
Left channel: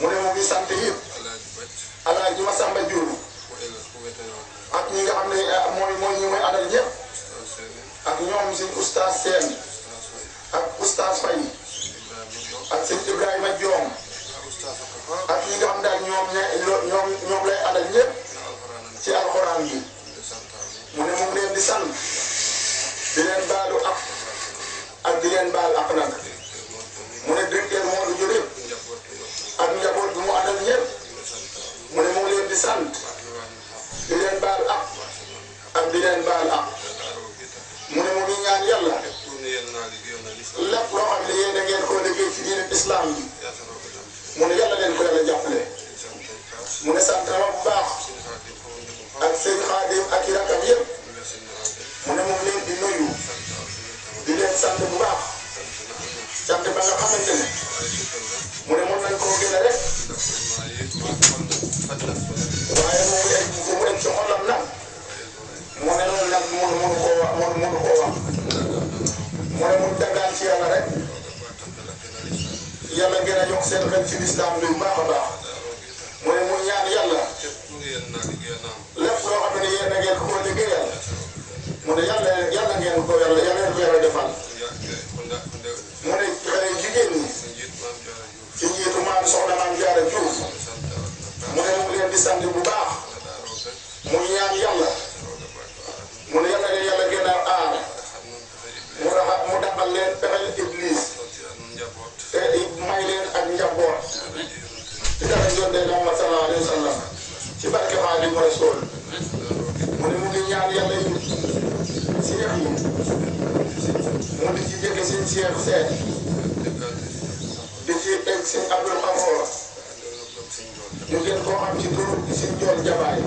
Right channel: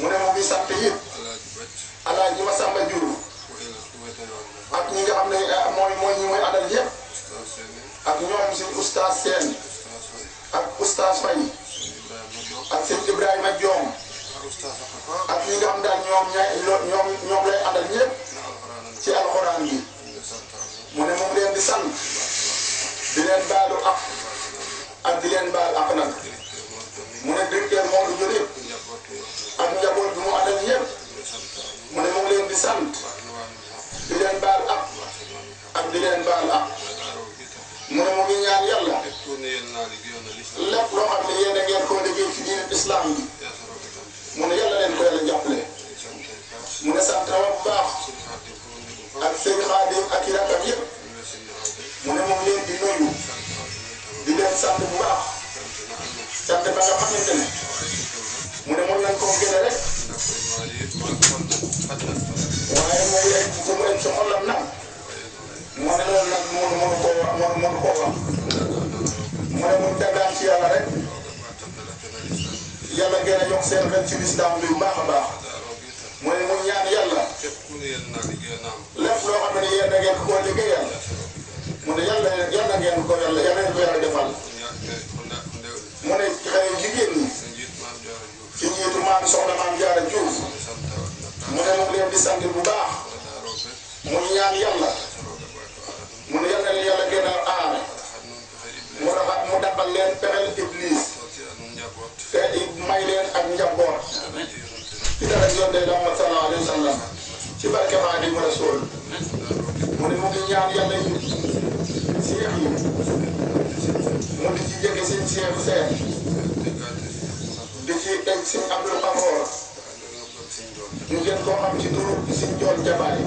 mu ne mu ngi sant yëpp Alaaji Masamba Jur ak ñi nga xam ne mooy ñi mooy àndal yëpp ak ñoom suñ oustaz Seen ak oustaz Fay ak suñ Ibrahima Joom ak ñi nga xam daal ñoom lay àndal yëpp ci alxuraan bi mu ne mu ngi leen di sant di leen baalu ak di leen baal ak nag mu ne directeur moo dugg lépp ak njaboot bi mu àndal ñëpp mu ne mu ngi leen di sant di leen baal ak di leen baal ak mu ne mu ngi ñaan yàlla lépp loo xam ne yéen a ngeen ko liggéey ci diine islam bi mu ne yàlla leen ko yàlla jàppale mu ne sant na bu baax ak seen xaadim ak i rakam yëpp mu ne moom leen di nuyu di leen sant bu baax sant ba nga xamante ne mu ne mën nañ koo gën a rek waaye moom leen bu ko ci xolam nag moo ne loolu nag mënu koo wax mu ne mu tegaan ci yàlla rek yàlla gën a jox seen ren ci lislaam bi bu baax a baax mu ne mu ñaan yàlla lépp loo xam ne yéen a ngeen ko liggéeyal mu ne yàlla ngeen ko yàlla defal mu ne jigéen ñi ci njiitu maam soxna maam Jaara Juuf mu ne mu ngi leen di sant bu baax mu ñaan yàlla mu ne yàlla gën a aar mu dàqal leen pexel iblis te may leen ak njaboot ci dara yónnee dama sallallahu alayhi wa sallam ci barke Xaadimu Rasuul mu ne mu ngi ñaan yàlla yi seex yi mu di ci jege seen seex seex di ci teg seen Abdul Xafoor ñu gën koo xam ci turu seen tool jabaay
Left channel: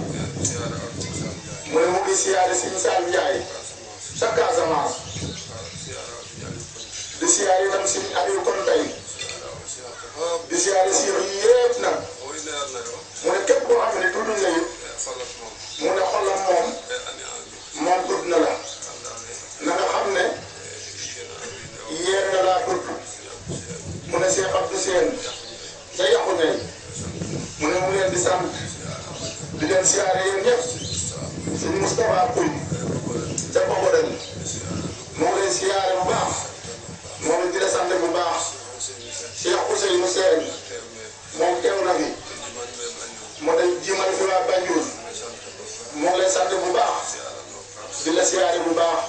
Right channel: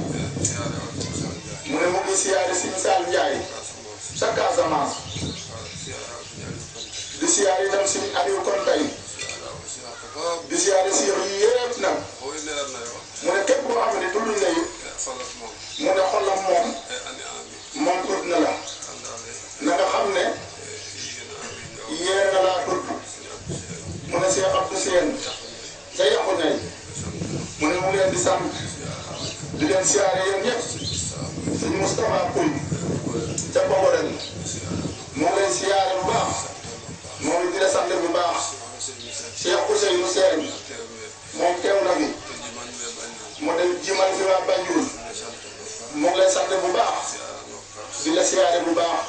mu ne mu ngi siyaare seen Saal Njaay ca Casamance di siyaare itam seen Aliou Kontay di siyaare seex yi yépp nag mu ne képp koo xam ne tudd na yi mu ne xolam moom tudd na la na nga xam ne yéer nga laa tudd mu ne Cheikh Abdou Seen da yàqu ne mu ne mu leen di sant di leen siyaare yéen ñëpp suñu Moustapha Pouy te boobu dañ mu ngi lay siyaare bu baax moom it di la sant bu baax Cheikh Ousseynou Seen moom teew na ni moo day jimal fi waa Banjul moo ngi lay sant bu baax di la siyaare bu baax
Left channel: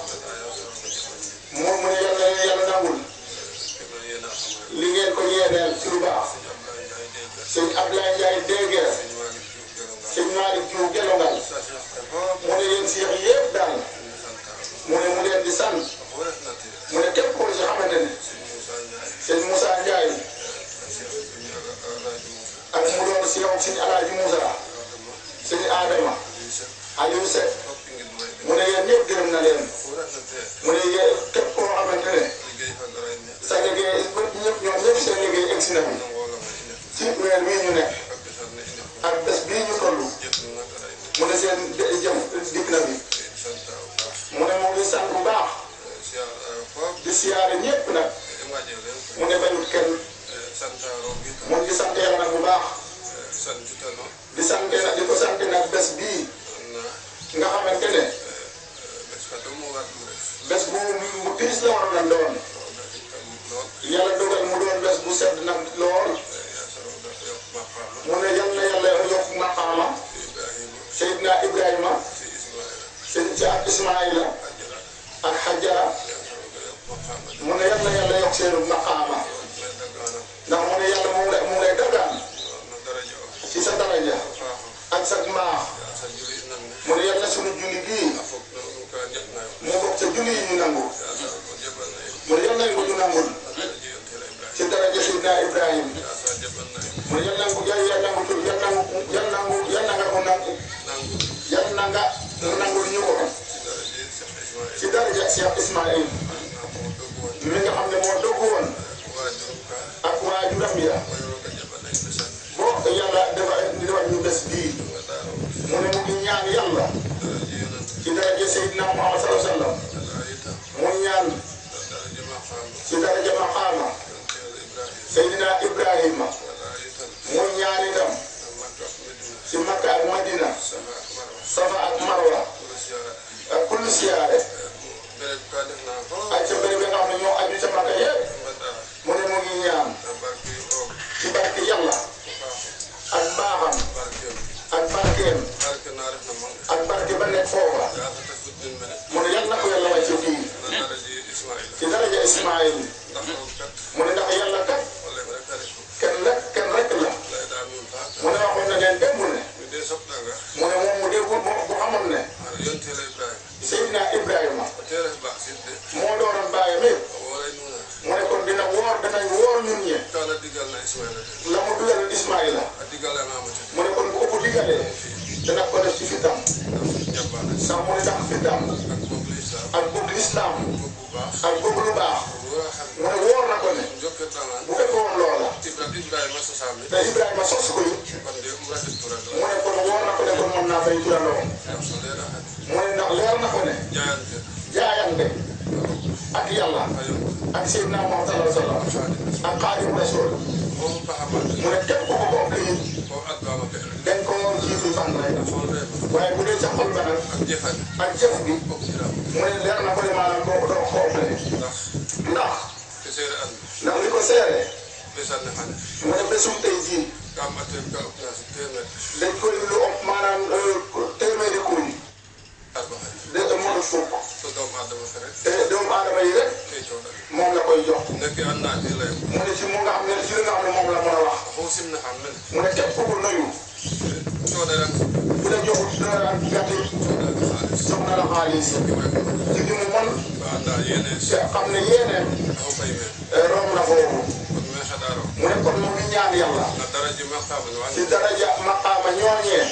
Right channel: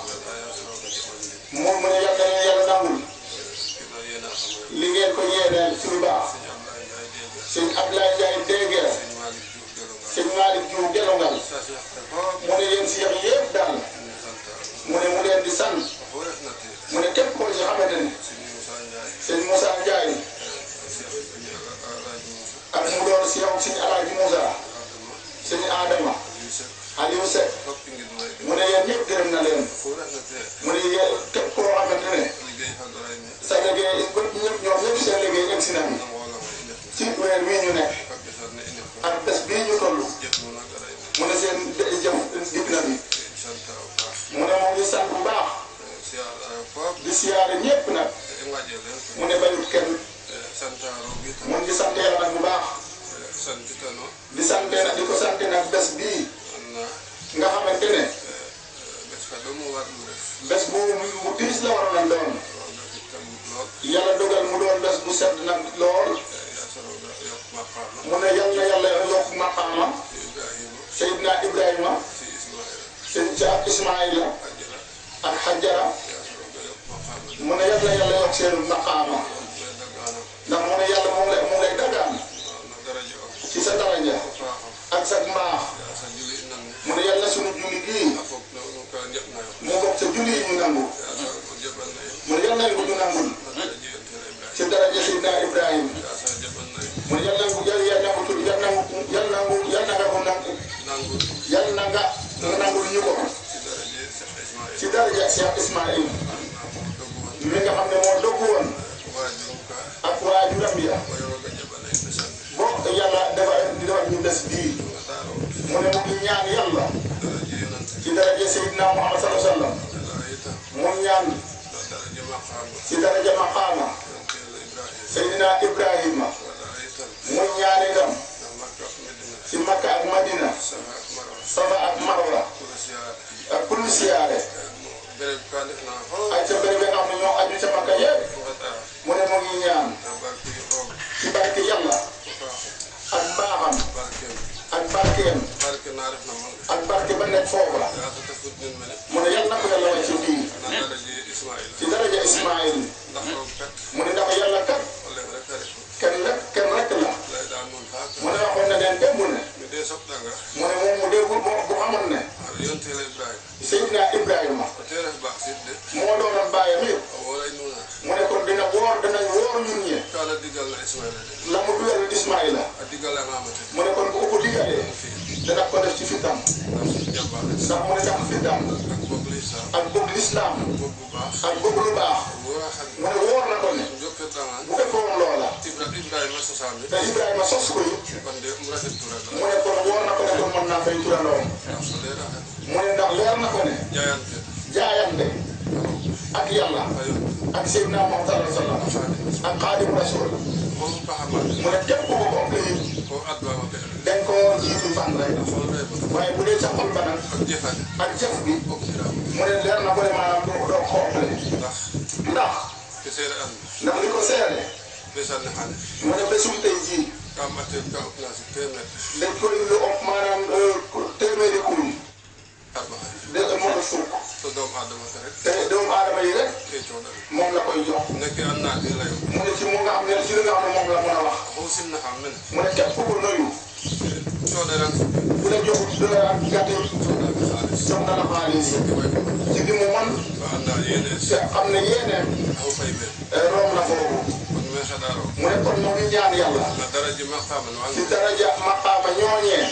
moom mu ne yàlla nangul li ngeen ko yéeneel ci lu baax sëñ Abdoulaye Ndiaye déggee sëñ Malick Diouf Gelongal mu ne yéen seex yëpp daal mu ne mu leen di sant mu ne képp ko ci xamante ne sëñ Moussa Ndiaye ak mu doon si yow sëñ Alaaji Moussa sëñ Adama Aliou Seck mu ne yéen ñëpp gërëm na leen mu ne yéen képp koo xamante ne sa liggéey ñoom ñëpp seen liggéey egsi nañu ci weer bii ñu nekk ak bés bii ñu toll mu ne seen jëf dikk na bi mu ne moom di sant bu baax di siyaare ñëpp nag mu ne bayut kenn moom di sant yàlla nag bu baax di sant nag di ko sant nag bés bii nga xamante ne bés bu mu tiis la waroon a doon yàlla dogal mu doon bés bu set nag lool mu ne yàlla yokk maqaama Seydina Ibrahima seen Jaab Ismaïla ak Hajara mu ne yàlla yokk seen maqaama ndax mu ne yàlla mu lay dagaan ci sa daraja ak sa mbaax mu ne yàlla sunu julli bii mu bokk sa julli yi ñu nangu mu ne yàlla ko ñu nangul ci daraja Seydina Ibrahim mu ne yàlla ko yàlla nga mu nangul ñu ko Seydina Ibrahima mu ñaan itam ci Makka ak Madina Safa ak Marwa ak pour siyaare ak ca bëri ba nga xam ne ñoo aju ca Makka yëpp mu ne mu ngi ñaan ci barke Yàlla ak baaxam ak barkeem ak barke ba nekk foofa mu ne yàlla na ko yàlla wàcce fii ci daraja Ismaïl mu ne ndax yàlla kat kenn rek la mu ne waxoon na leen démb ne mu ne moom mu dégg bu xamoon ne Seydina Ibrahima moo doonoon bàyyi lépp mu ne kon dinañ woor ñun ñi la mu dugal Ismaïla mu ne kon bu ko digalee dana ko def ci fitam ndax mu ne ndax fitam ak bëgg lislaam ak bëgg lu baax mu ne woor na ko ne bu fekkoon loola te Ibrahima sos ko it mu ne kon woor na ko ne kon mën naa fay turandoom mu ne ndax leer na ko ne jaayante ak Yàlla ak Seydina Muhammad sallallahu alayhi wa sallam ak Xaadimu Rasuul mu ne képp ku ko ëpp it dañ ko jiitu sax rek waaye bu dee ca xol ba nag ak jëf gi mu ne leer na ko ne maanaam doo xoofale ndax li ko seere mu ne bésum tey jii dañ koy lu ëpp maanaam téeméeri kuréel de mooy fukk te doomu aadama yi rek moom la koy jox mu ne ci mu nga xam ne ci li nga xam ne moom la mën a wax mu ne képp ku nuyu dina jox dina gàtt soxna la xaalis ci gi mu mën te xam ne yéene romb na foofu mu ne kon moom ñu ñaan Yàlla ci daraja maqaama ñooñee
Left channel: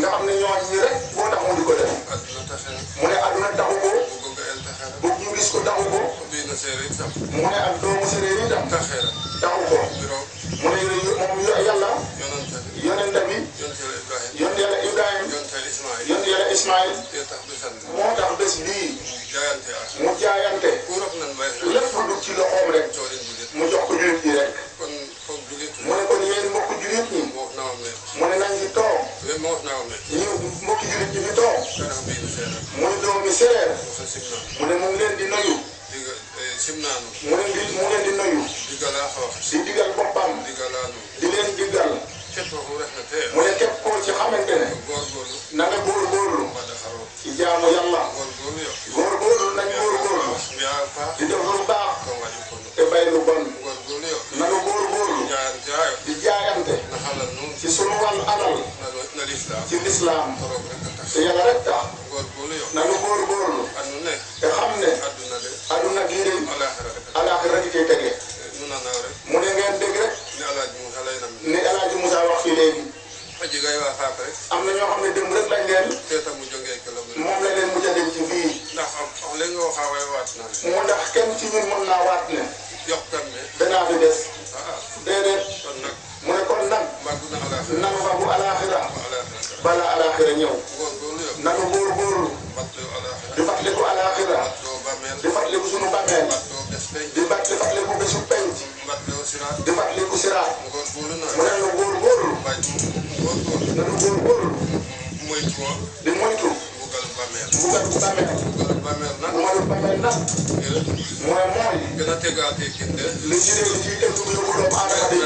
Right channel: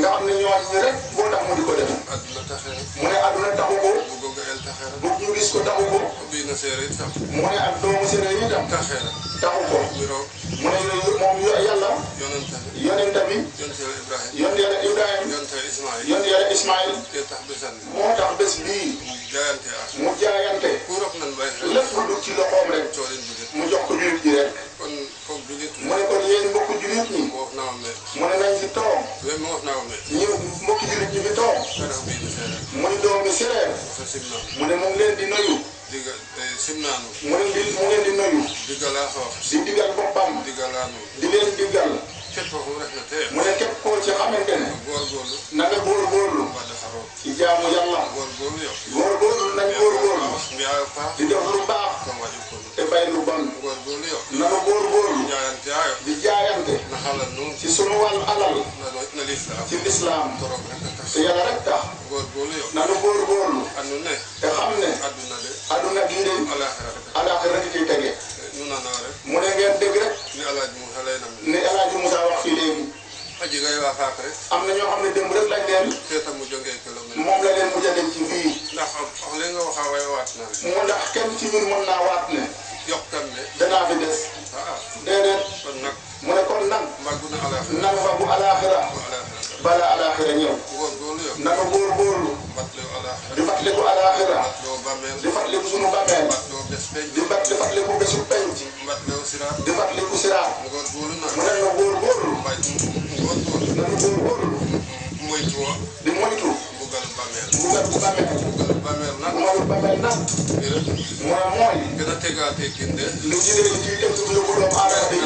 nga xam ne ñooñu rek boo tax mu di ko def mu ne àdduna taxu ko bëgg ñu gis ko taxu ko mu ne ak doomu séeréer yi tam taxu ko mu ne moom Yàlla yonent bi yonent Yàlla Ibrahima yonent Yàlla Ismaïl moo tax bés bii mu jaayante lépp lu dugg ci loxoom rek mu jox ko jullit ñi rek mu ne kon yéen mbokku jullit ñi mu ne nañ ci toog ñu mbokku jullit ñi ñu toog muy doomi séeréer mu ne mu ngi leen di nuyu mu leen di nuyu di digal boppam di leen digal mu ne képp koo ci xamante ne na nga góorgóorlu ci jaamu Yàlla góorgóorlu nañ góorgóorlu di def lu baax te bay lu bon na nga góorgóorlu di jaayante ci sunu wàll alal ci lislaam te Yàlla rek tax na nga góorgóorlu te xam ne aduna bii de alaaxira rek di tege mu ne ngeen dégg rek ni El Hadj Moussa wax fii léegi am na ñoo xam ne démb rek dañ leen moom la leen mu jege ci fii mu ndax kenn ci ñun mën naa waat ne danaa fi des déedéet mu ne kon nag nanu ba bu alaaxira bala alaaxira ñëw nanu góorgóorlu di fàttaliku alaaxira di fàttaliku sunu bàmmeel di fàttaliku bésu penc di fàttaliku siraat mu ne nu góorgóorlu nanu góorgóorlu di moytu mbugal bu bàmmeel mooy bàmmeel nag mooy li jigéen ci teg su yóbbu doomu aadama bi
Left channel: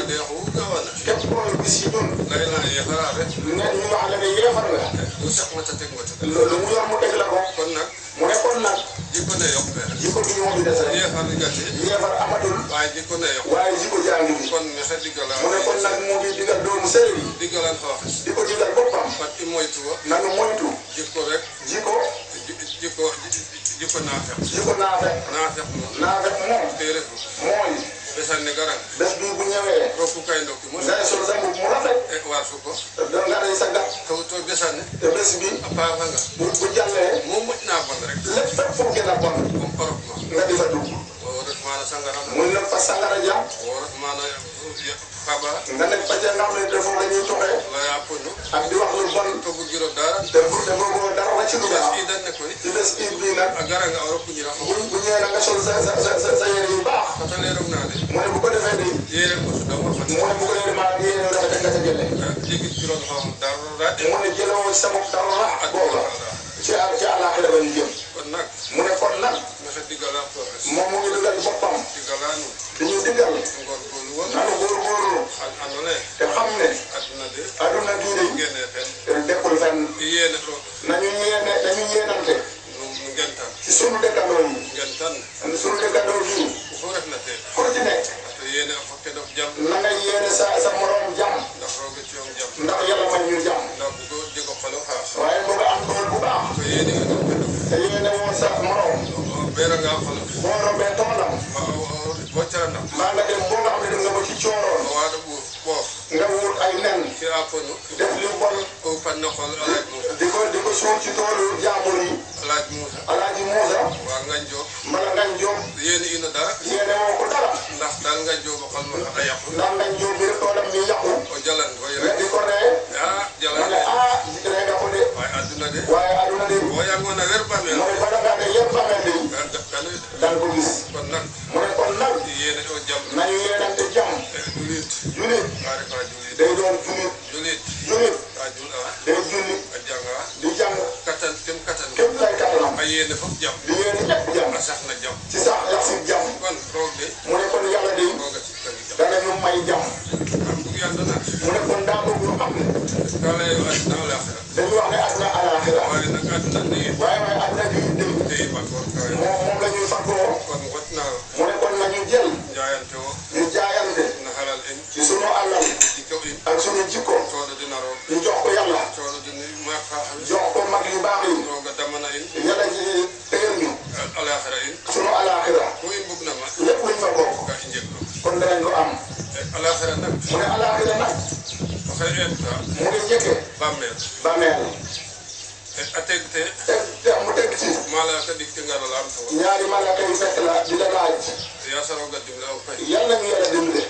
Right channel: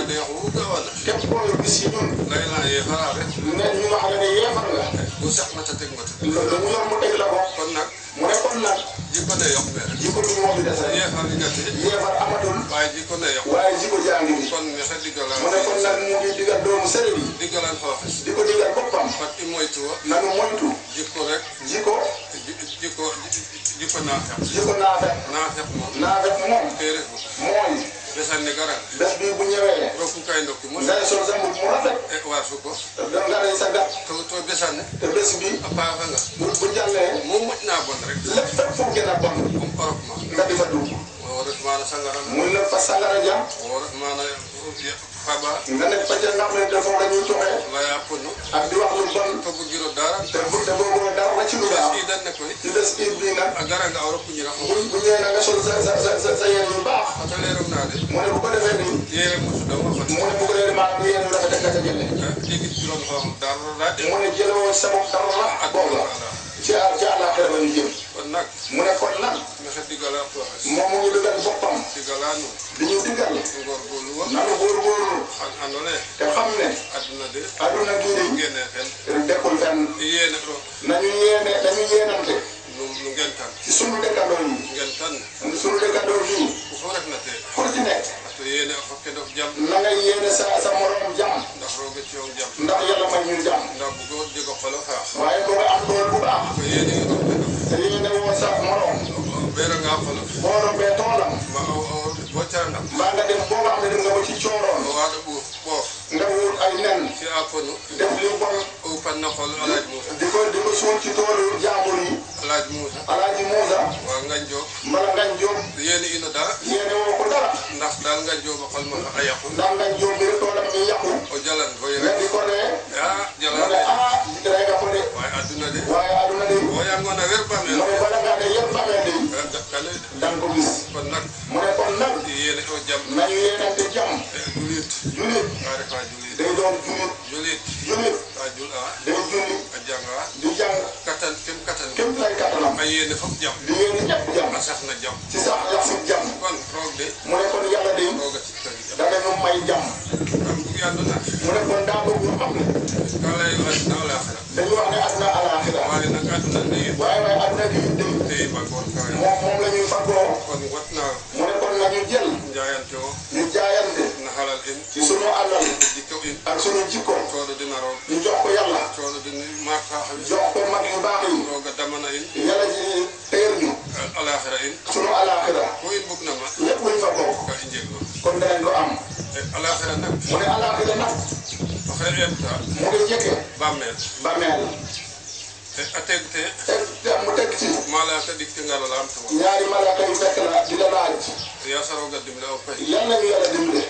képp koo gis yi ñun ne ñu wax ne yeexal la loolu mu yor mu teg la ko mu ne kon nag jikko bi moo fi des rek yeefar amatul waaye jikko jaa ngi nii mu ne kon nag moo ngi digal doomu sëriñ yi di ko digal boppam nanu moytu jikko naafeq moom mooy bés bi bu ñëwee ngay sol sa mbubb mu rafet nga rey sa gàtt te bés bi bu jàllee lépp fépp foo gën a bon nga di fa dugg muy nag fa sangara ja nga nekk fa ca nga xam ne dafa nga ñuy toxee ak di wax lu bon te boobu dara wàcc lu baax ci bés iid bi nag bu ñëwee na nga sol sa yére yu baax mu ne bu ko defee mu ne bëgg leen maanaam yéen a rafet nga sa jëlee. mu ne jëloo sabab dara boobu ci àllaaxira la ñu jëm. mu ne kon nag moom mu ngi dëggal boppam di ñu diggal nanu góorgóorlu te xam ne adduna bii dekkul fenn nañu yéenante ci sunu dëkkandoo yi sunu dëkkandoo yi ku ci nekk na nga yéene sa morom jàmm ndax yàlla may ñu jàmm waaye bu nga am dool bu baax te yéene woo sa morom boo rombee toolam maa nga dem boo nga xam ne dem nga ba ci cooroon nga wut ay nen def li bon di ko suul ci dóoru jaambur yi Alaaji Muusa mala ngañ jóob yéene woo ko dara ndax ngañ jóob bi rek toolam ñu yàqu nga di ko ree ma ne ree nga ko de waaye aduna de mu ne bala ngaa de yëpp famille bi danga ko gis mu ne kon nag nañ yéenante jàmm julit day doon julit day julli di jàng képp lay kattanam di yéene ñëpp jàmm ci sax la si jàmm mu ne kon yàlla de dana ñu may jàmm mu ne kon daa bëgg ñu xam ne dañu wax ne aduna alaaxira waaye aduna bi moom la ñuy fagoo mu ne kon nañu jël ñu jaayante ci sunu alal ak sunu jikko ñu jox ko yàlla jox ko mag yu baax yi yàlla ji teer ñu sunu alaaxira lépp luñ fa bokk kon danañ ko am mu ne alaaxira nag mu ngi njëkke bàmmeel mu teg ci ñaari malaaka yu fekk la di la laaj yal nañu yàlla dimbale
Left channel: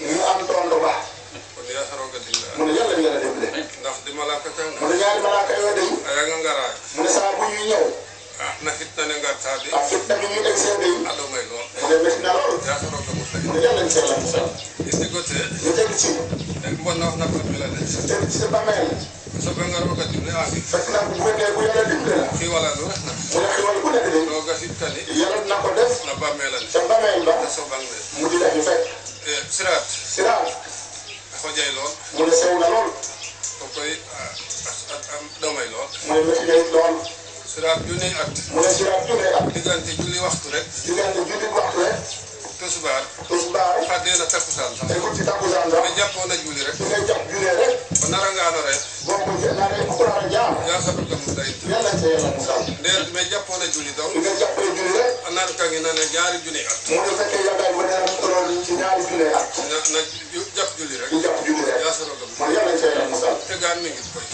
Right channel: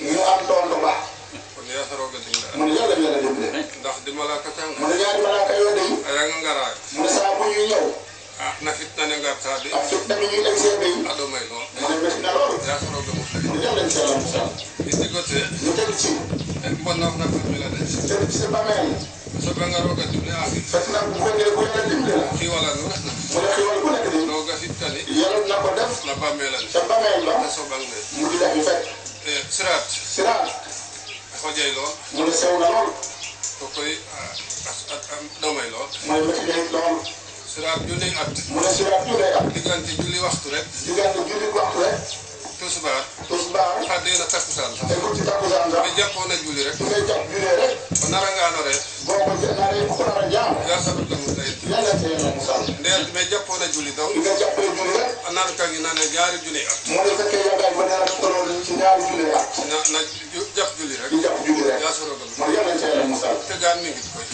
ñu am tontu ba mu ne yàlla ñu yàlla dimbale mu ne ñaari malaaka yoo de mu ne saa bu ñu ñëw ak fitna bi ñu egg seen de mu ne métti na lool mu ne yàlla ñu si yàlla musal ñu teg ci sa bàmmeel fekk na bu fekkee ku yàlla dimbale la mu ne xiwal ku nekk de yàlla na ko def sa bàmmeel ba mu di def ñu fekk siraat mu ne sew na lool mooy métti day lool mu ne siraat junne at diggante julli waxtu rek tisbaar tegul ci takkusaan nga jàpp julli rek boo ko naree ko nar a jaam yàlla sa yàlla musal nga jàppee julli rek mu ne fekkee yaakaar ba nee na tolloon ci ñaari junne at ñu jàpp julli rek mu yàlla sa yàlla musal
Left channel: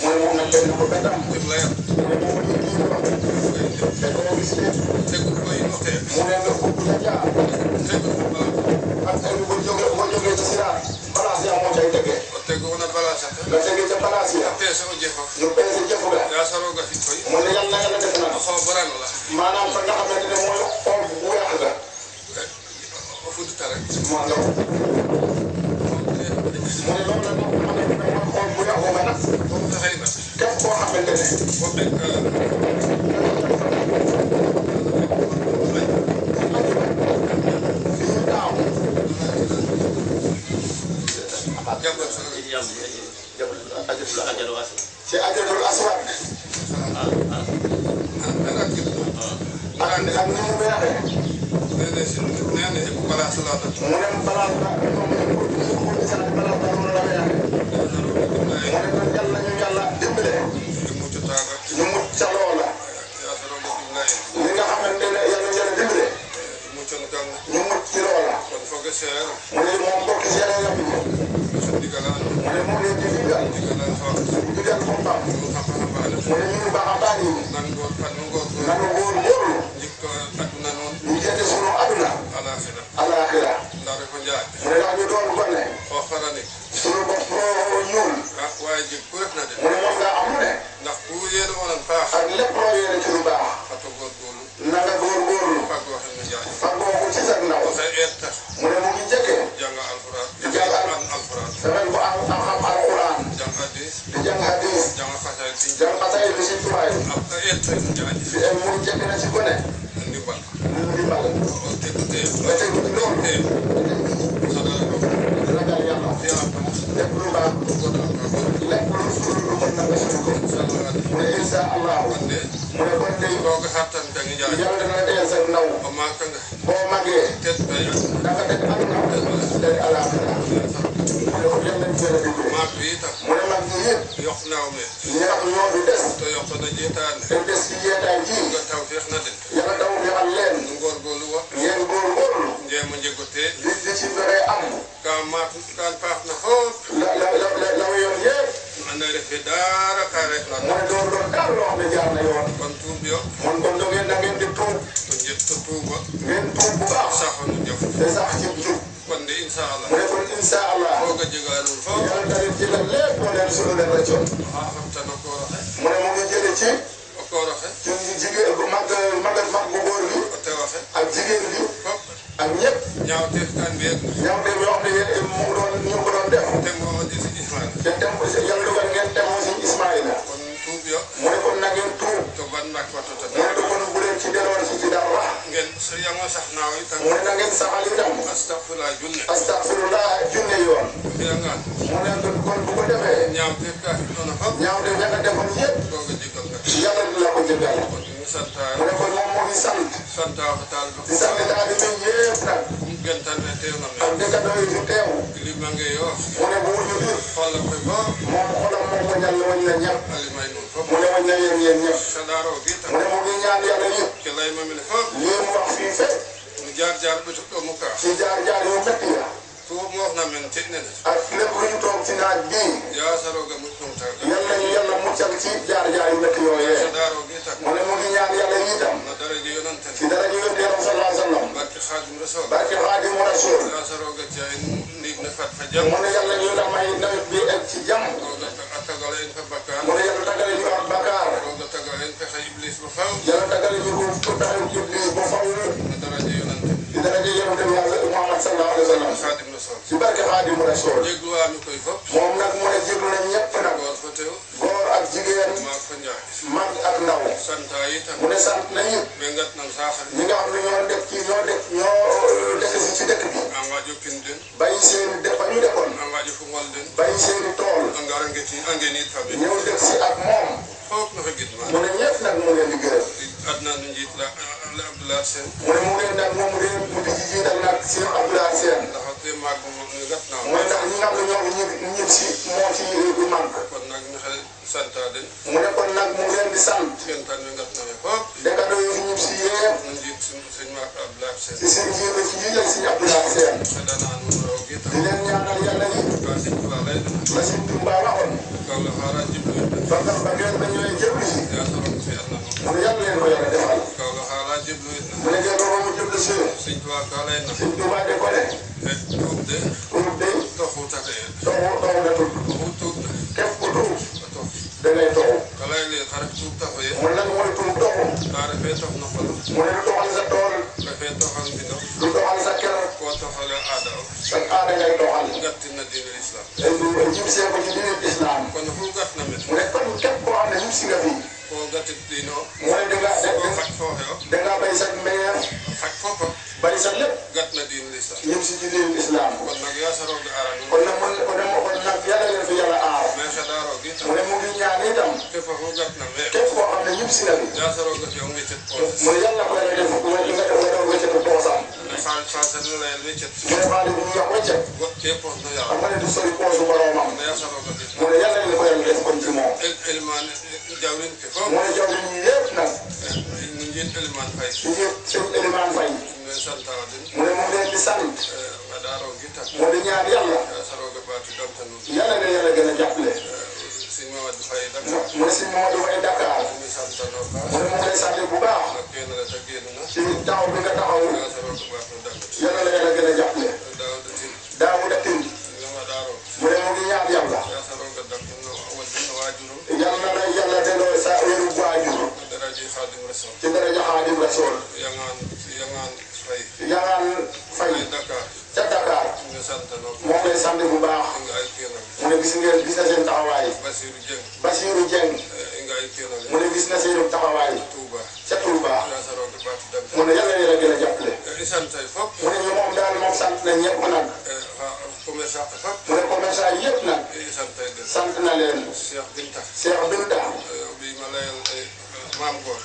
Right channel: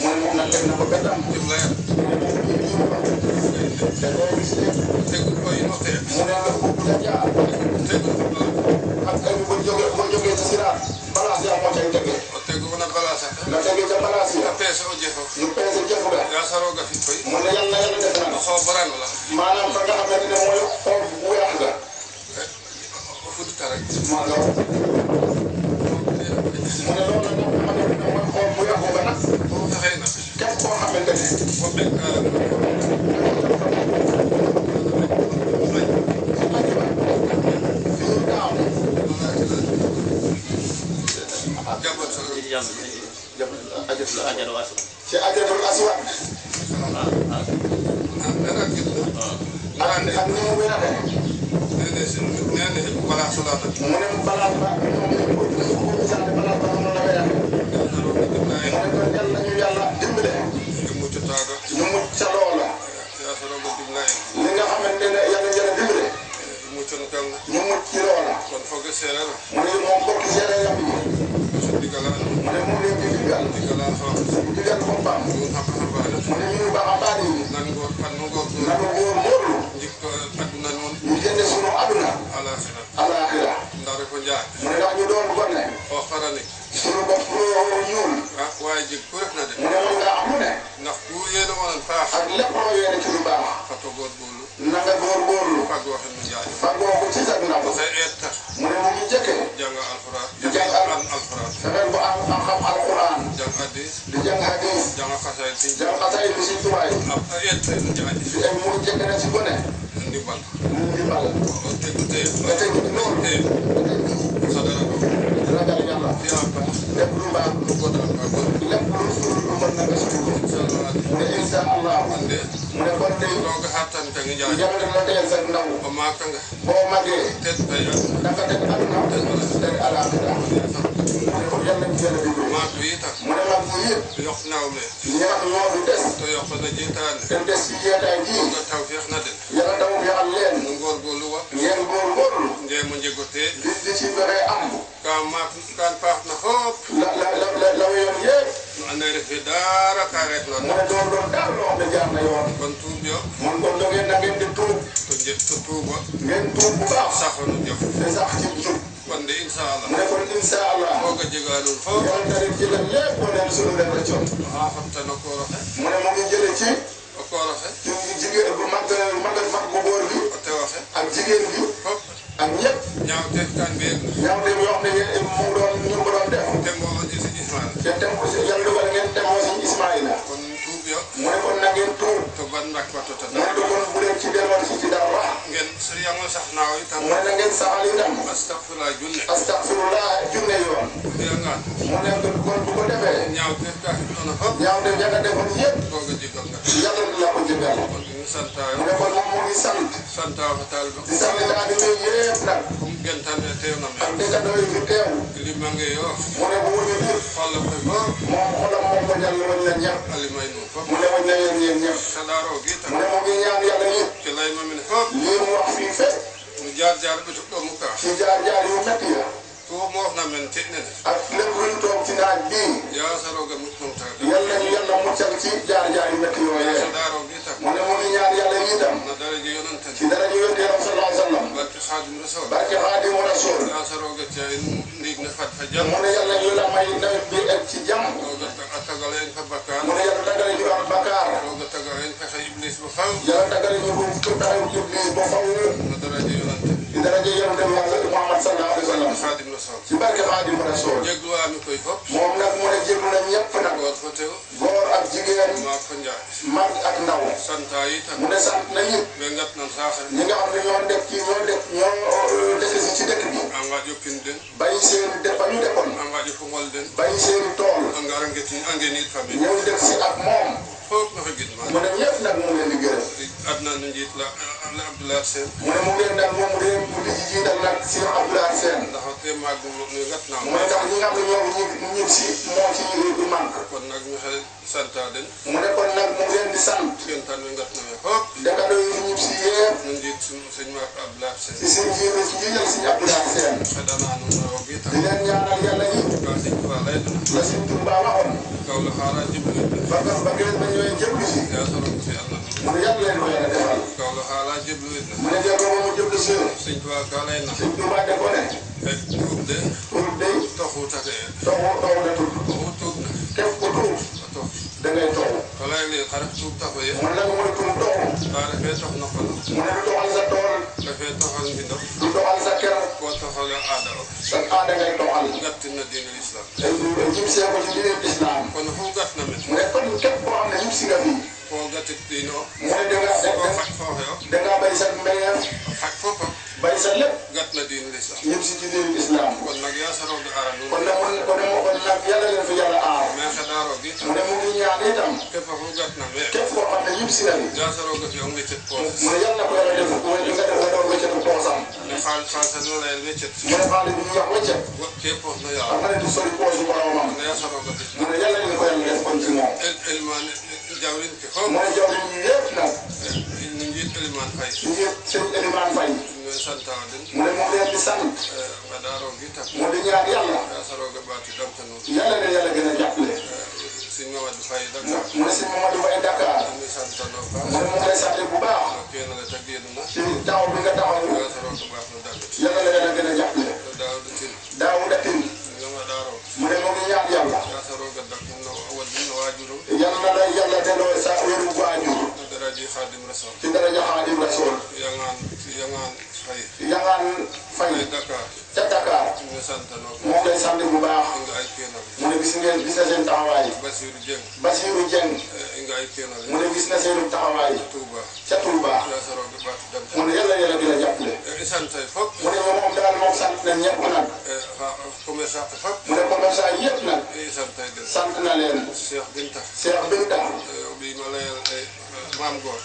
mu ne moom nag teg na ko betam mu ne la ak ay boo jógee ci siraat balaas yaa moo koy tegee nga tegee ca balaas yi ñu peese jëf ga mu ne yàlla def na maanaam fa nga xam ne mooy xool bu weex la moo lool mu ne loolu nag xam ne mooy xool bu weex nga nag képp koo xamante ci Hajarul Aswad ak ni mu weexee mu ne palaas ba yàlla dimbale ñu mucc sa loola li nga xamante ne yàlla dimbale ñu mucc ci loola mu ne moom bokk séeréer yi mu ne moom lañ ci digal boppam mu ne ñu baaxataan yi nanu góorgóorlu ñu jëlee sunu aduna alaaxira mu ne wax ñu doon gone sunu bopp ñuul mu ne loolu nga am lu ne ak lépp loo yéene ci lu baax na nga góorgóorlu fagoo ko ci sa ndaw mu ne mu ngi jëkkee di jàng mu jënd na si ko ne ñu di bal nga teg ci noonu ragal yàlla lépp lu baax lépp lu mën na def mu ne incha allah mu ne kon tey yàlla na dee sa ndaw boo màggee dafa def aduna day alaxira mu ne ko dem nañ seen liggéey mu ne mag ñi yëpp ñi nga xam ñoo fi des te des ci yeetaay ji yàlla taw bi am leen ngeen góorgóorlu di ci doxee am la yoon yëpp mu ne doon daal loo xam ne jaar na yoon man kon ngeen na ngeen di tuub ngeen tuub bu baax te sax ci jub mu ne kon incha allah yàlla na leen jëlal lépp moo leen sunu leen rëccoon mu ne mu ngi jële ci jigéen bu mag bu góor bi ak jigéen bi ak ñëpp ñaaw te yoo xam ne mu doon ñu ko doon def te dem ko si yàlla dogal ngeen demoo si Ismaïla mu ne kon na ngeen tuub mu ne kon bu leen ci delloon si ci daaw wax mu ne na ngeen saxal itam astafirullah junne yoon mu ne kon bu ko defee ñaaw te nga defoon yëpp yàlla du la ko jëgal mu ne kon moom moo ngi sant di sant dafa di may yëpp nag ak dëkkandoo yi ñu teew mu ne bu wuñu ñëpp moom xolam moom ko ñaan woon leen ñëpp mu ne mu ñaan yéen ñëpp mu ne mu ngi ñaan yàlla ñëpp ñeen wax fii fekk ci jaar yu metti ya ak lépp luñ toog ci naaj bii yàlla ñu yàlla muccal ci jaar yu metti yooyee mu ne mu ngi ñaan yàlla ñi tam ci dara ñu yónnee am sallallahu alayhi wa sallam barke Xaadimu Rasuul mu ne yàlla ñu la may nawet bi egg ci jàmm mu ne yàlla tagale ñu am bakkaar yàlla tagale ñu ko taxaw iblis ba faw ci dara ji yonent Muhammad sallallahu alayhi wa sallam ci barke Xaadimu Rasuul moom nag mu ne jéglu na ñëpp nag góor ak jigéen mag ak ndaw mu ne sant na ñëpp ñi nga xam ne ñoo def ci dëkk bi bàyyi seen ba ñu defoon bàyyi seen tool ñëw def si ak moom mu ne ñëpp nag mu leen di gërëm mu ne mu ngeen nag moom mu ngeen di jiital nag si Abdoulaye Sène mu ne ndax ñi nga xam ne ñoom ñib si moo ci du manque mu ne kon nag mu ngeen di sant dëkkandoo yi ñib si yëpp si seen jiite si jiital si Abdoulaye Sène di leen ñaanal yàlla yi la si Tuubaa waxoon bakkan ba ngeen dañooy jëbli si mu ne yàlla leen ko yàlla defal mu ne dee booba mu jëbli si Sëñ Tuubaa de ko ne pour day toxu nga tudd képp ku tuub da ngay toxu mu ne mooy tuub toxu mu ne du toxal sa tool du toxal sa kër sa aada ngay toxal ay jib see ko ci diine islam mu ne kon képp koo xam ne ñu si nga fi mu ne dangaa bay sa meññeef bay sa lépp ñu si diine islam kon nag yàlla leen fi yàlla aar mu ne mu ngi ñaan itam képp koo xam ne ñu si nga fi mu ne yàlla ko yàlla def mu ne nga def nga wéccetu poosam mu ne xaalis bu ñu wax wéccet xam nga ne di sori poosu boromam mu ne yàlla ñu ko yàlla def kon ci moom mu ne jaww ji yëpp nag ñu ngi seen Elimane Faye mu ne mu ngi leen di sant mu di ñaan yàlla yàlla na yàlla gën a jàppale mu ne si Mamadou Faye Dakar mu ne mu ngi lay sant bu baax ci taxaw bi nga taxaw yàlla na yàlla gën a jàppale Daouda Tine mu ne mu ngi ñaan yàlla yàlla na yàlla delloo sa wéru waajur ci daraja Xaadimu Rasuul Yangaan Faye ca Dakar moo ngay sant bu baax mu ne gis na seen taxawaay Basiru Dieng mu ne gis na seenu taxawaay ca Touba mu ne yàlla yàlla dina jàppale mu ne moom daal moom sant na ñëpp nag mu ne commerçant yëpp nag sant na leen Cheikh Binta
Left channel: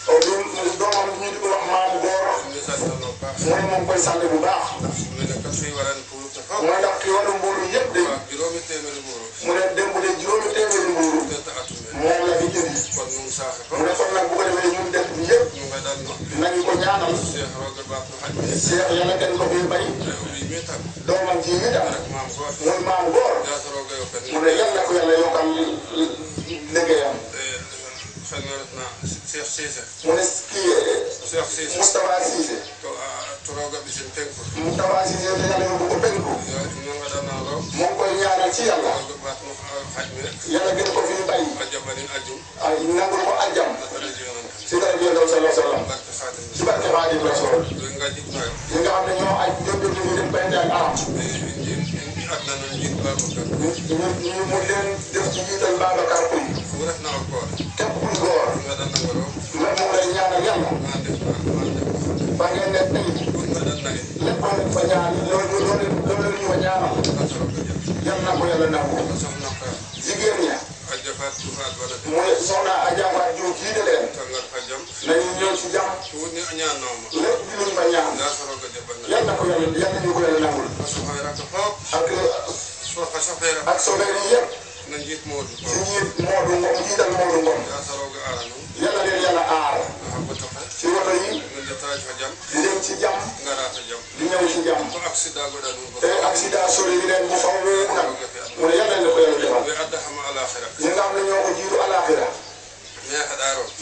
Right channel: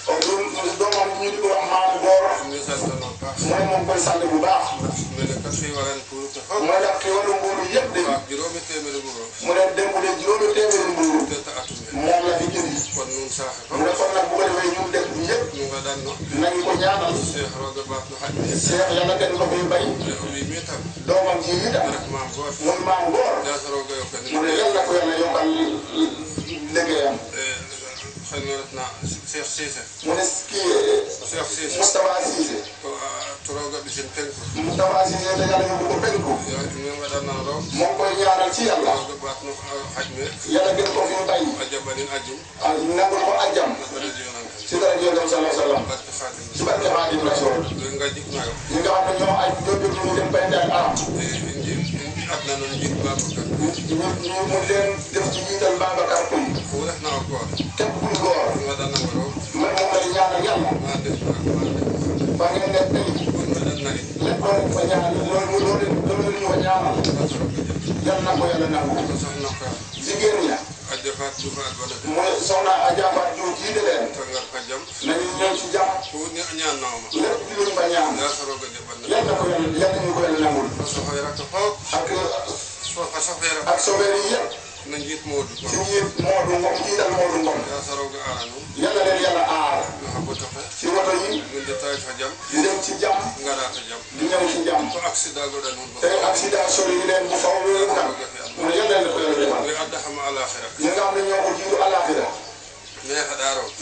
o bi doomam ñu di ko wax Maam Góor mu ne moom koy sant bu baax mu ne ndax ki waru mbuuru yëpp de mu ne démb de juróomi téeméeri mbuuru moom la fi indi mu ne kon nag bu ko defee ñun def ñëpp nañu ko ñaanal Cheikh yàlla kenn ko fi bay doomam ji mi tam muy Maam Góor mu ne yàlla ko yàlla yokkal liggéeyam mu ne kii Moustapha Cissé Moustapha Cissé ne yàlla yóbbu ko penku moo ngi koy ñaanal ci yàlla yàlla gën ko fi mu bay ak nangul ko ajjam ci dara jël daw sallallahu alayhi wa sallam ci barke Xaadim Rasuul ñi nga xam ne ñoo aj dëgg ñu dem bayte ak am ñu mu leen def ci jiital Babacar Koum képp ku góor moom lay ñaanal yàlla ba ngeen nekk lépp loo fa ñaan loolu la ñu fa ñaanal yal na ko yàlla nangu jigéen ña mooy soxna Adja Fatou Diouf jiite leen nañu ñëw ci jàmm lépp luñ fa ñaan yal na ko yàlla ñu ko yàlla nangul ak sobeer yi yëpp si njiit Modou Ngom jiital Modou Ngom yàlla leen yàlla aar ci woto yi di dem ci jàmm di ñëw ci jàmm te accident sori yi leen bu faw wéeru nag mu ne yàlla leen ko yàlla defal ñi nga xam ne ñoo ko jiitu àllaaxira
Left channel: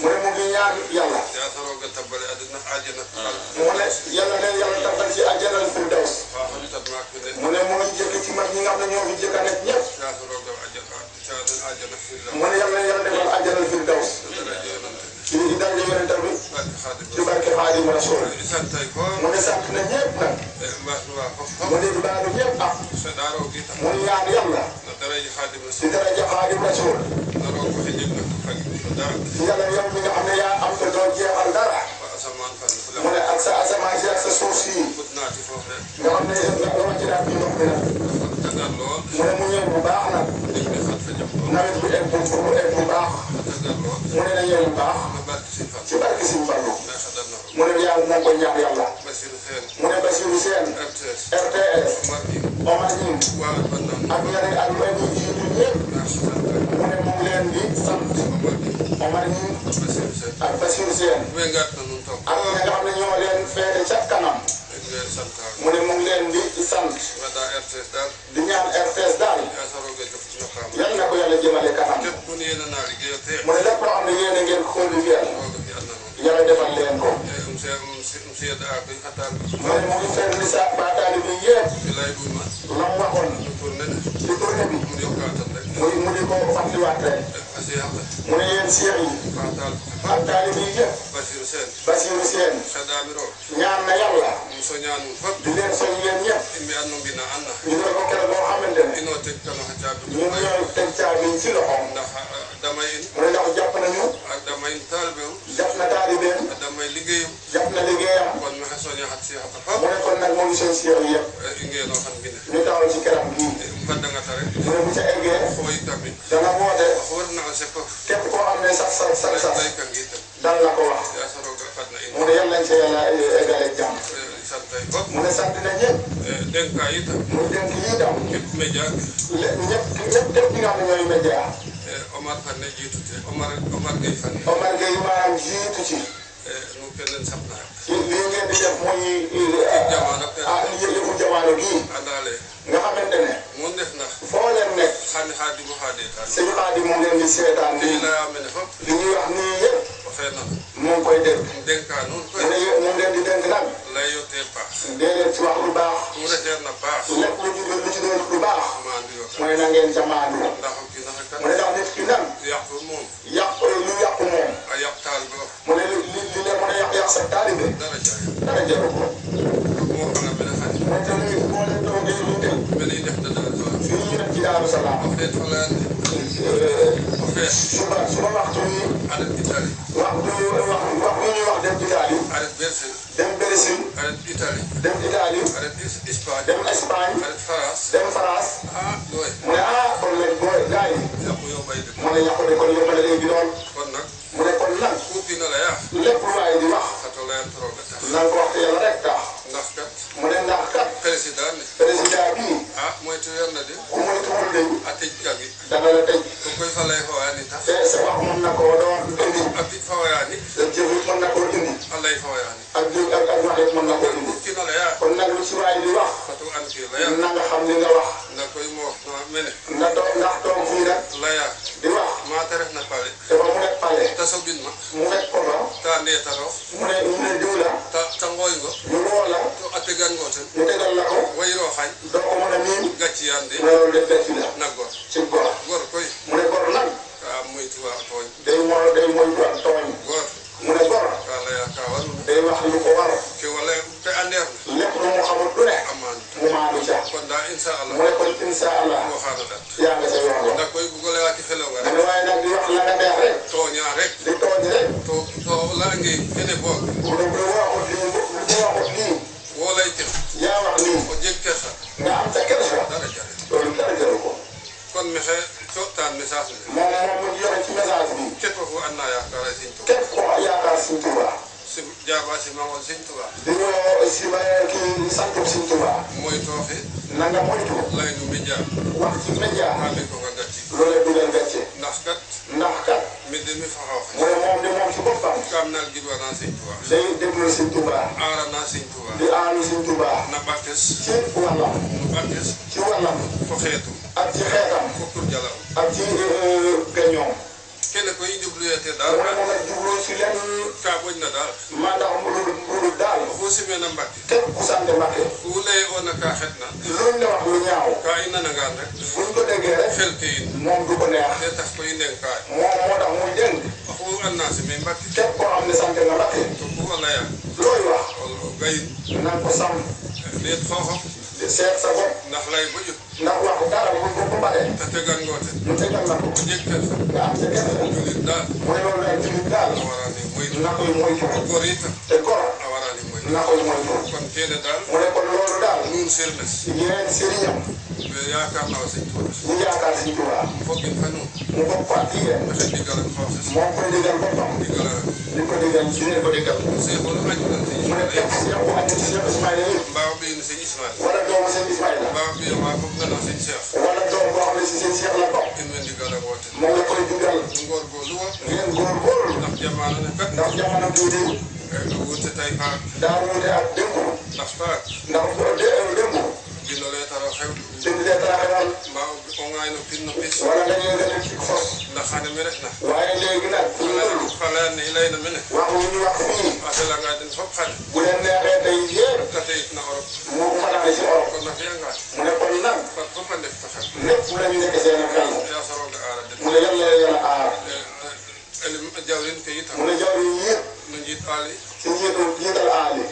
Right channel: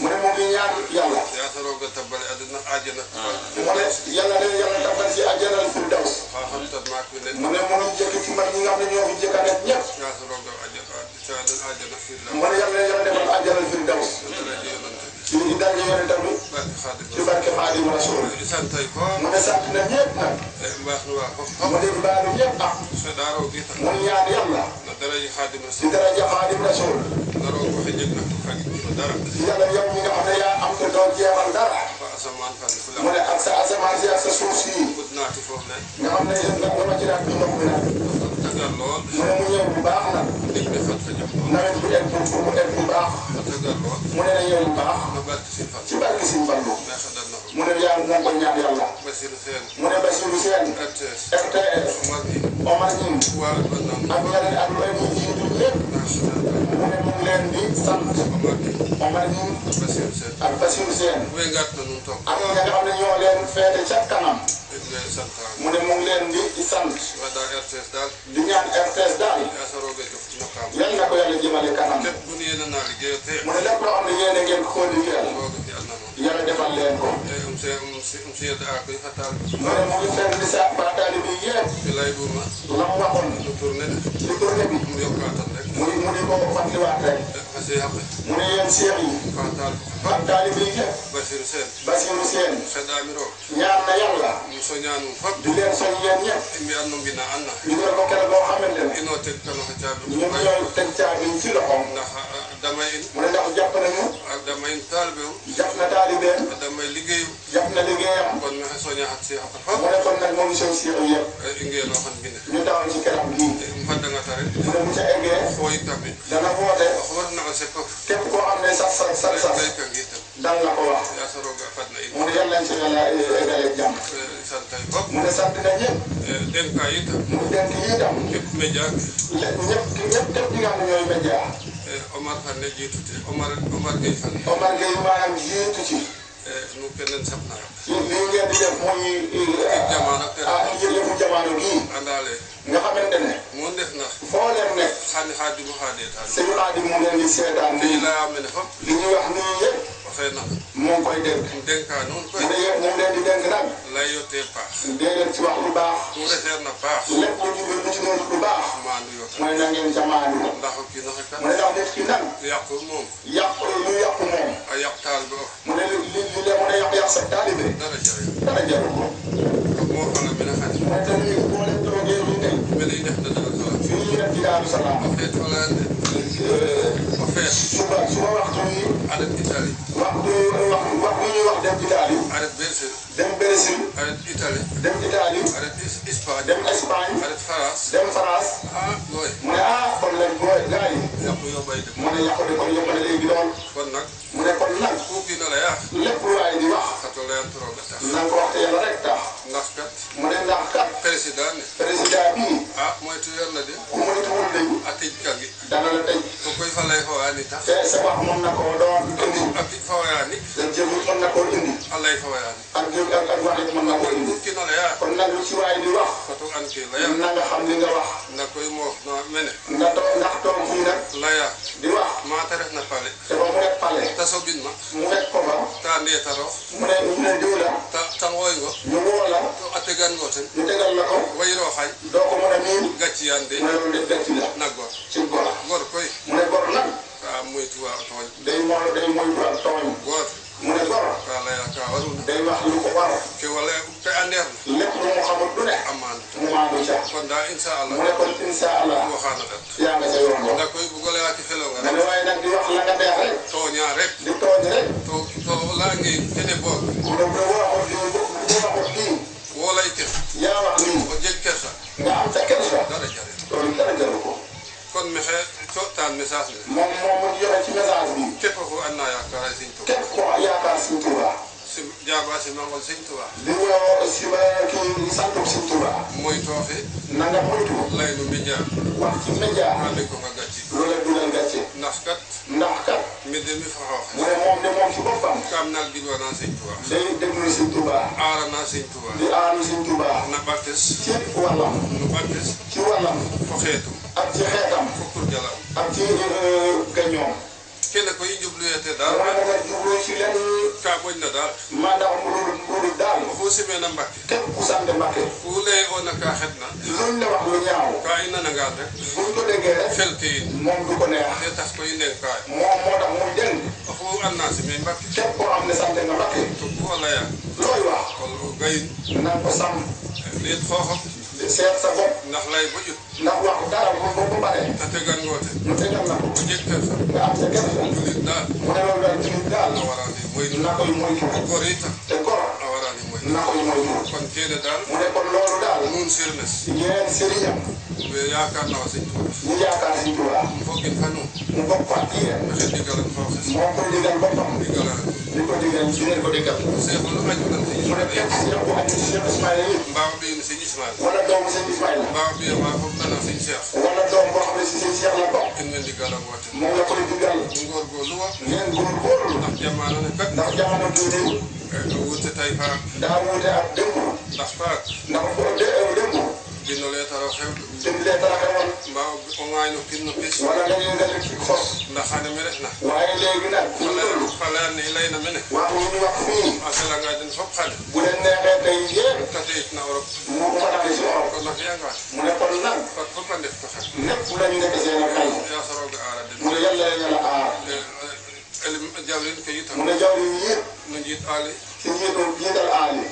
mu ne moom ñaan yàlla mu ne yàlla leen yàlla tàggal ci àjjanal firdaws mu ne moo jëkk ci mag ñi nga xam ne ñoo fi jëkk a nekk ñëpp mu ne yàlla yàlla defal àjjanal firdaws ñu ngi daje yonent tamit ci barke Xaadim Rasuul mu ne sant na ñëpp nag mu ne baalu ñëpp am mu ñaan yàlla ci daraja Xaadim Rasuul yàlla yow ñi nga xam ne yaa am te doo jeexal dara mu ne ak sa asamaan si ak sa suuf si nga xam ne yàlla ci daal di yokk nag mu ne mu ñëw bu baax nag nawet bi egg fu mu egg bu baax mu ne la ñëw bu baax ci barke Sëñ Fallu mu ne yàlla na ko ñaan yàlla mu ne Bassirou Sène RTS Omar Nim ak ñeneen ak ñeneen ñi jiitu ñëpp mu ne mu ngi leen di sant Omar Nim ak Bassirou Sène ak ñi nga xam ne ñoo leen feete ca kanam mu ne mu ngi leen di sant di ñaan RTS daal yan na ko yàlla jëmale kanam mu ne lépp loo xam ne ngeen ngeen xool liggéeyal yàlla defal leen ko mu ne mu ngi fenn di sa baataali bi yëpp la mu waxoon ci tournée bi mu di ko fàttaliwaat rek mu ne yéen seex yi baataali bi yëpp Bassirou Sène ñaan na yàlla di leen soñ yéen ñëpp ñu ne ko keroog boo xamante ne ñu ngi ñëw teg caabi ci loxoom mu ne ndax jàpp nañu jàpp na taalibeem jàpp na liggéeyam mu ne kon nag moom seen seex yëpp ñu dawal ci kanam gii mu ne bu ca eggee dana woote képp koo xam ne sax dal na ko wax mu ne yal nañ sa yàlla eggale jàmm mu ne sant na ñëpp mu dénk yi itam ñëpp ñi nga xam ne ñooy média Omar Gueye maanaam jiitu ci li ngeen di def muy yëfu jamono bii nga xamante ne foo leen nekk sëñ Xaadim mu leen di seetaan li ñuy wax nii yëpp moom koy dégg mu leen di dénk nag déedéet ci wax lu baax lépp lu ci doon lu baax mooy na ngeen jamaanu mu ne ndax def ci nag yàqu lu yàqu moom mu ne li demoon a yàq sa taalibe dara jaru ko mooy tamit boo leen toogee ñu dem ñu dem ci Daaru Salaam suba waxtu yi dem Brésil dem Italie dem Espagne dem France mu ne kon nag booy gars yi mu ne yàqu de kon yomb na léegi lool mu ne kon nag lépp lu waay di wax na nga ko wax te yàlla rek tax mu ne ndax kat président bii ku moytuwul léegi dana la tëj te sa wax mun na koo doon indi jëfut mën na koo indi ak waxet mën na koo indi kon nag lu ci waay di wax na nga xam ni nga wax nga toog ndax toog fii nag di wax te ba mu wet pale mu wet ko ba mu ne ñu ne diw la ñu woo la ñu tegal la ko doo ko mën a niin mu ne loolu de gàcci la ci gor mu ne gor nag day moytu ak tooñ mu ne gor day wax lu ko war lépp lu mu xamul du ne mu maanu ca mu ne kon incha allah yaa nga ca yoon wa mu ne waaye nag di wax la nga neex rek di tooñ rek mu ne bu waxut kii yaa wax lii nga am sa kersa loolu dara jaru ko kon message moom mu joxe ci message bi képp koo yaakaar Sëñ Tuuba di ñëw si ma kii sant Sëñ Tuuba na nga moytu wax ci média loolu du leen gàcce ndax kat mu ne moom de moom si boppam day déglu Sëñ Tuuba di aaru Sëñ Tuuba ci wàllam ak ci xeetam ak ci gañoom mu ne moom nag jublu ci lenn maanaam lu daal képp ku sant Mbàkke luñ la wax lu ñaaw buñ ko déggee rek moom du ko neex moom moo tax muy jënd képp koo xam ne sant nga Mbàkke looy wax na nga ko sàmm seet sa bopp ndax wax dara mu bopp Mbàkke mu tegal na ko nga am sa gerte mu ne loolu daal ci nit daal na koy moytu te gor na koy moytu mu ne kon loolu daal yeneen sëriñam ñu yaakaar Sëñ Tuuba mu bokk ak kii de moom ko digal boppam li ko digal ci ne ko digal mu ne képp si dem ko am ci Cheikh Ismaïla yi wala doomu Sëñ Ismaïla wala doom boo xam ne si Sëñ Cheikh la bokk moom la koy digal ngeen góorgóorlu ndax jamono bii daa wuute ak démb ndax boo démb bind leetara xewal wala dañuy def ci xos waaye léegi nag bu ñu toll wax ñu wax fii bu leen neexee tey yépp mu fanaan si or mu ne kon nag lépp dañu nekk seen xel mu ne yàlla yàlla aar mu ne jawriñ yëpp si njiital aali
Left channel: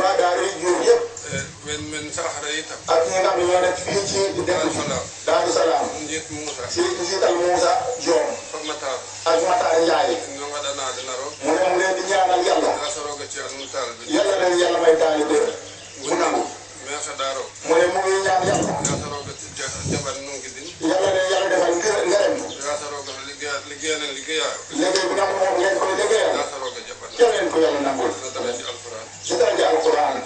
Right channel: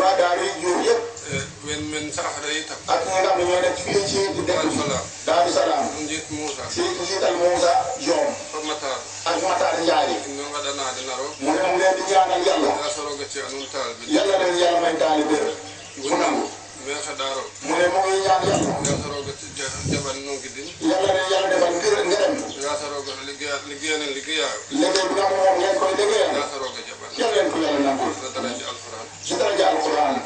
waa daaru yi jur yëpp ak ñi nga xam ne ñoo nekk fii ci Daaru Salaam si njiital Moussa Diom ak Matar Ndiaye mu ne mu leen di ñaanal yàlla leen yàlla may taali bër mu nangu mu ne mu ngi ñaan yàlla leen yàlla defal ngërëm liggéey bi nga xam moom ngeen koy liggéeyal yàlla leen ko yàlla nangul ci daraja alquran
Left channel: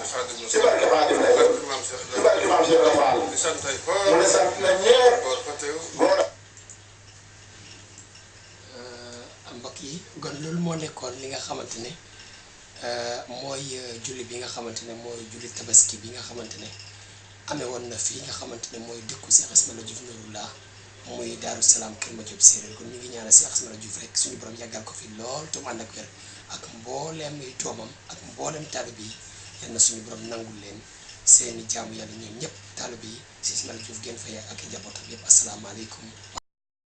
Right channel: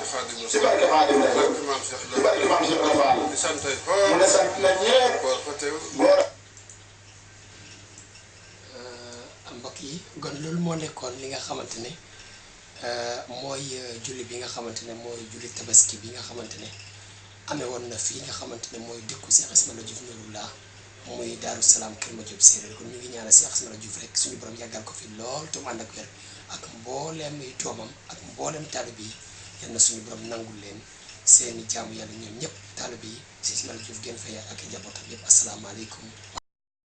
ci barke Xaadim Rasuul ci barke Maam Cheikh Rafal mu ne sant na ñëpp mbokk yi kon loolu moo nekkoon li nga xamante ne mooy julli bi nga xamante ne mooy julli tabaski bi nga xamante ne amee woon na fii nga xamante ne mooy dëkku Cheikh Ismaïla Diouf Nouroullah muy Daaru Salaam Kër Madiop Séeréer kon ñu ngi ñaanal Cheikh Ismaïla Diouf rek suñu borom yàggal ko fi lool te mu ànd ak wér ak mbooleem ay doomam ak mbooleem taalibe yi yal na suñu borom nangul leen seeni jaamu yàlla ñoom ñëpp taalibe yi Cheikh Ismaïla Diouf gën fay ak njabootam yëpp asalaamaaleykum.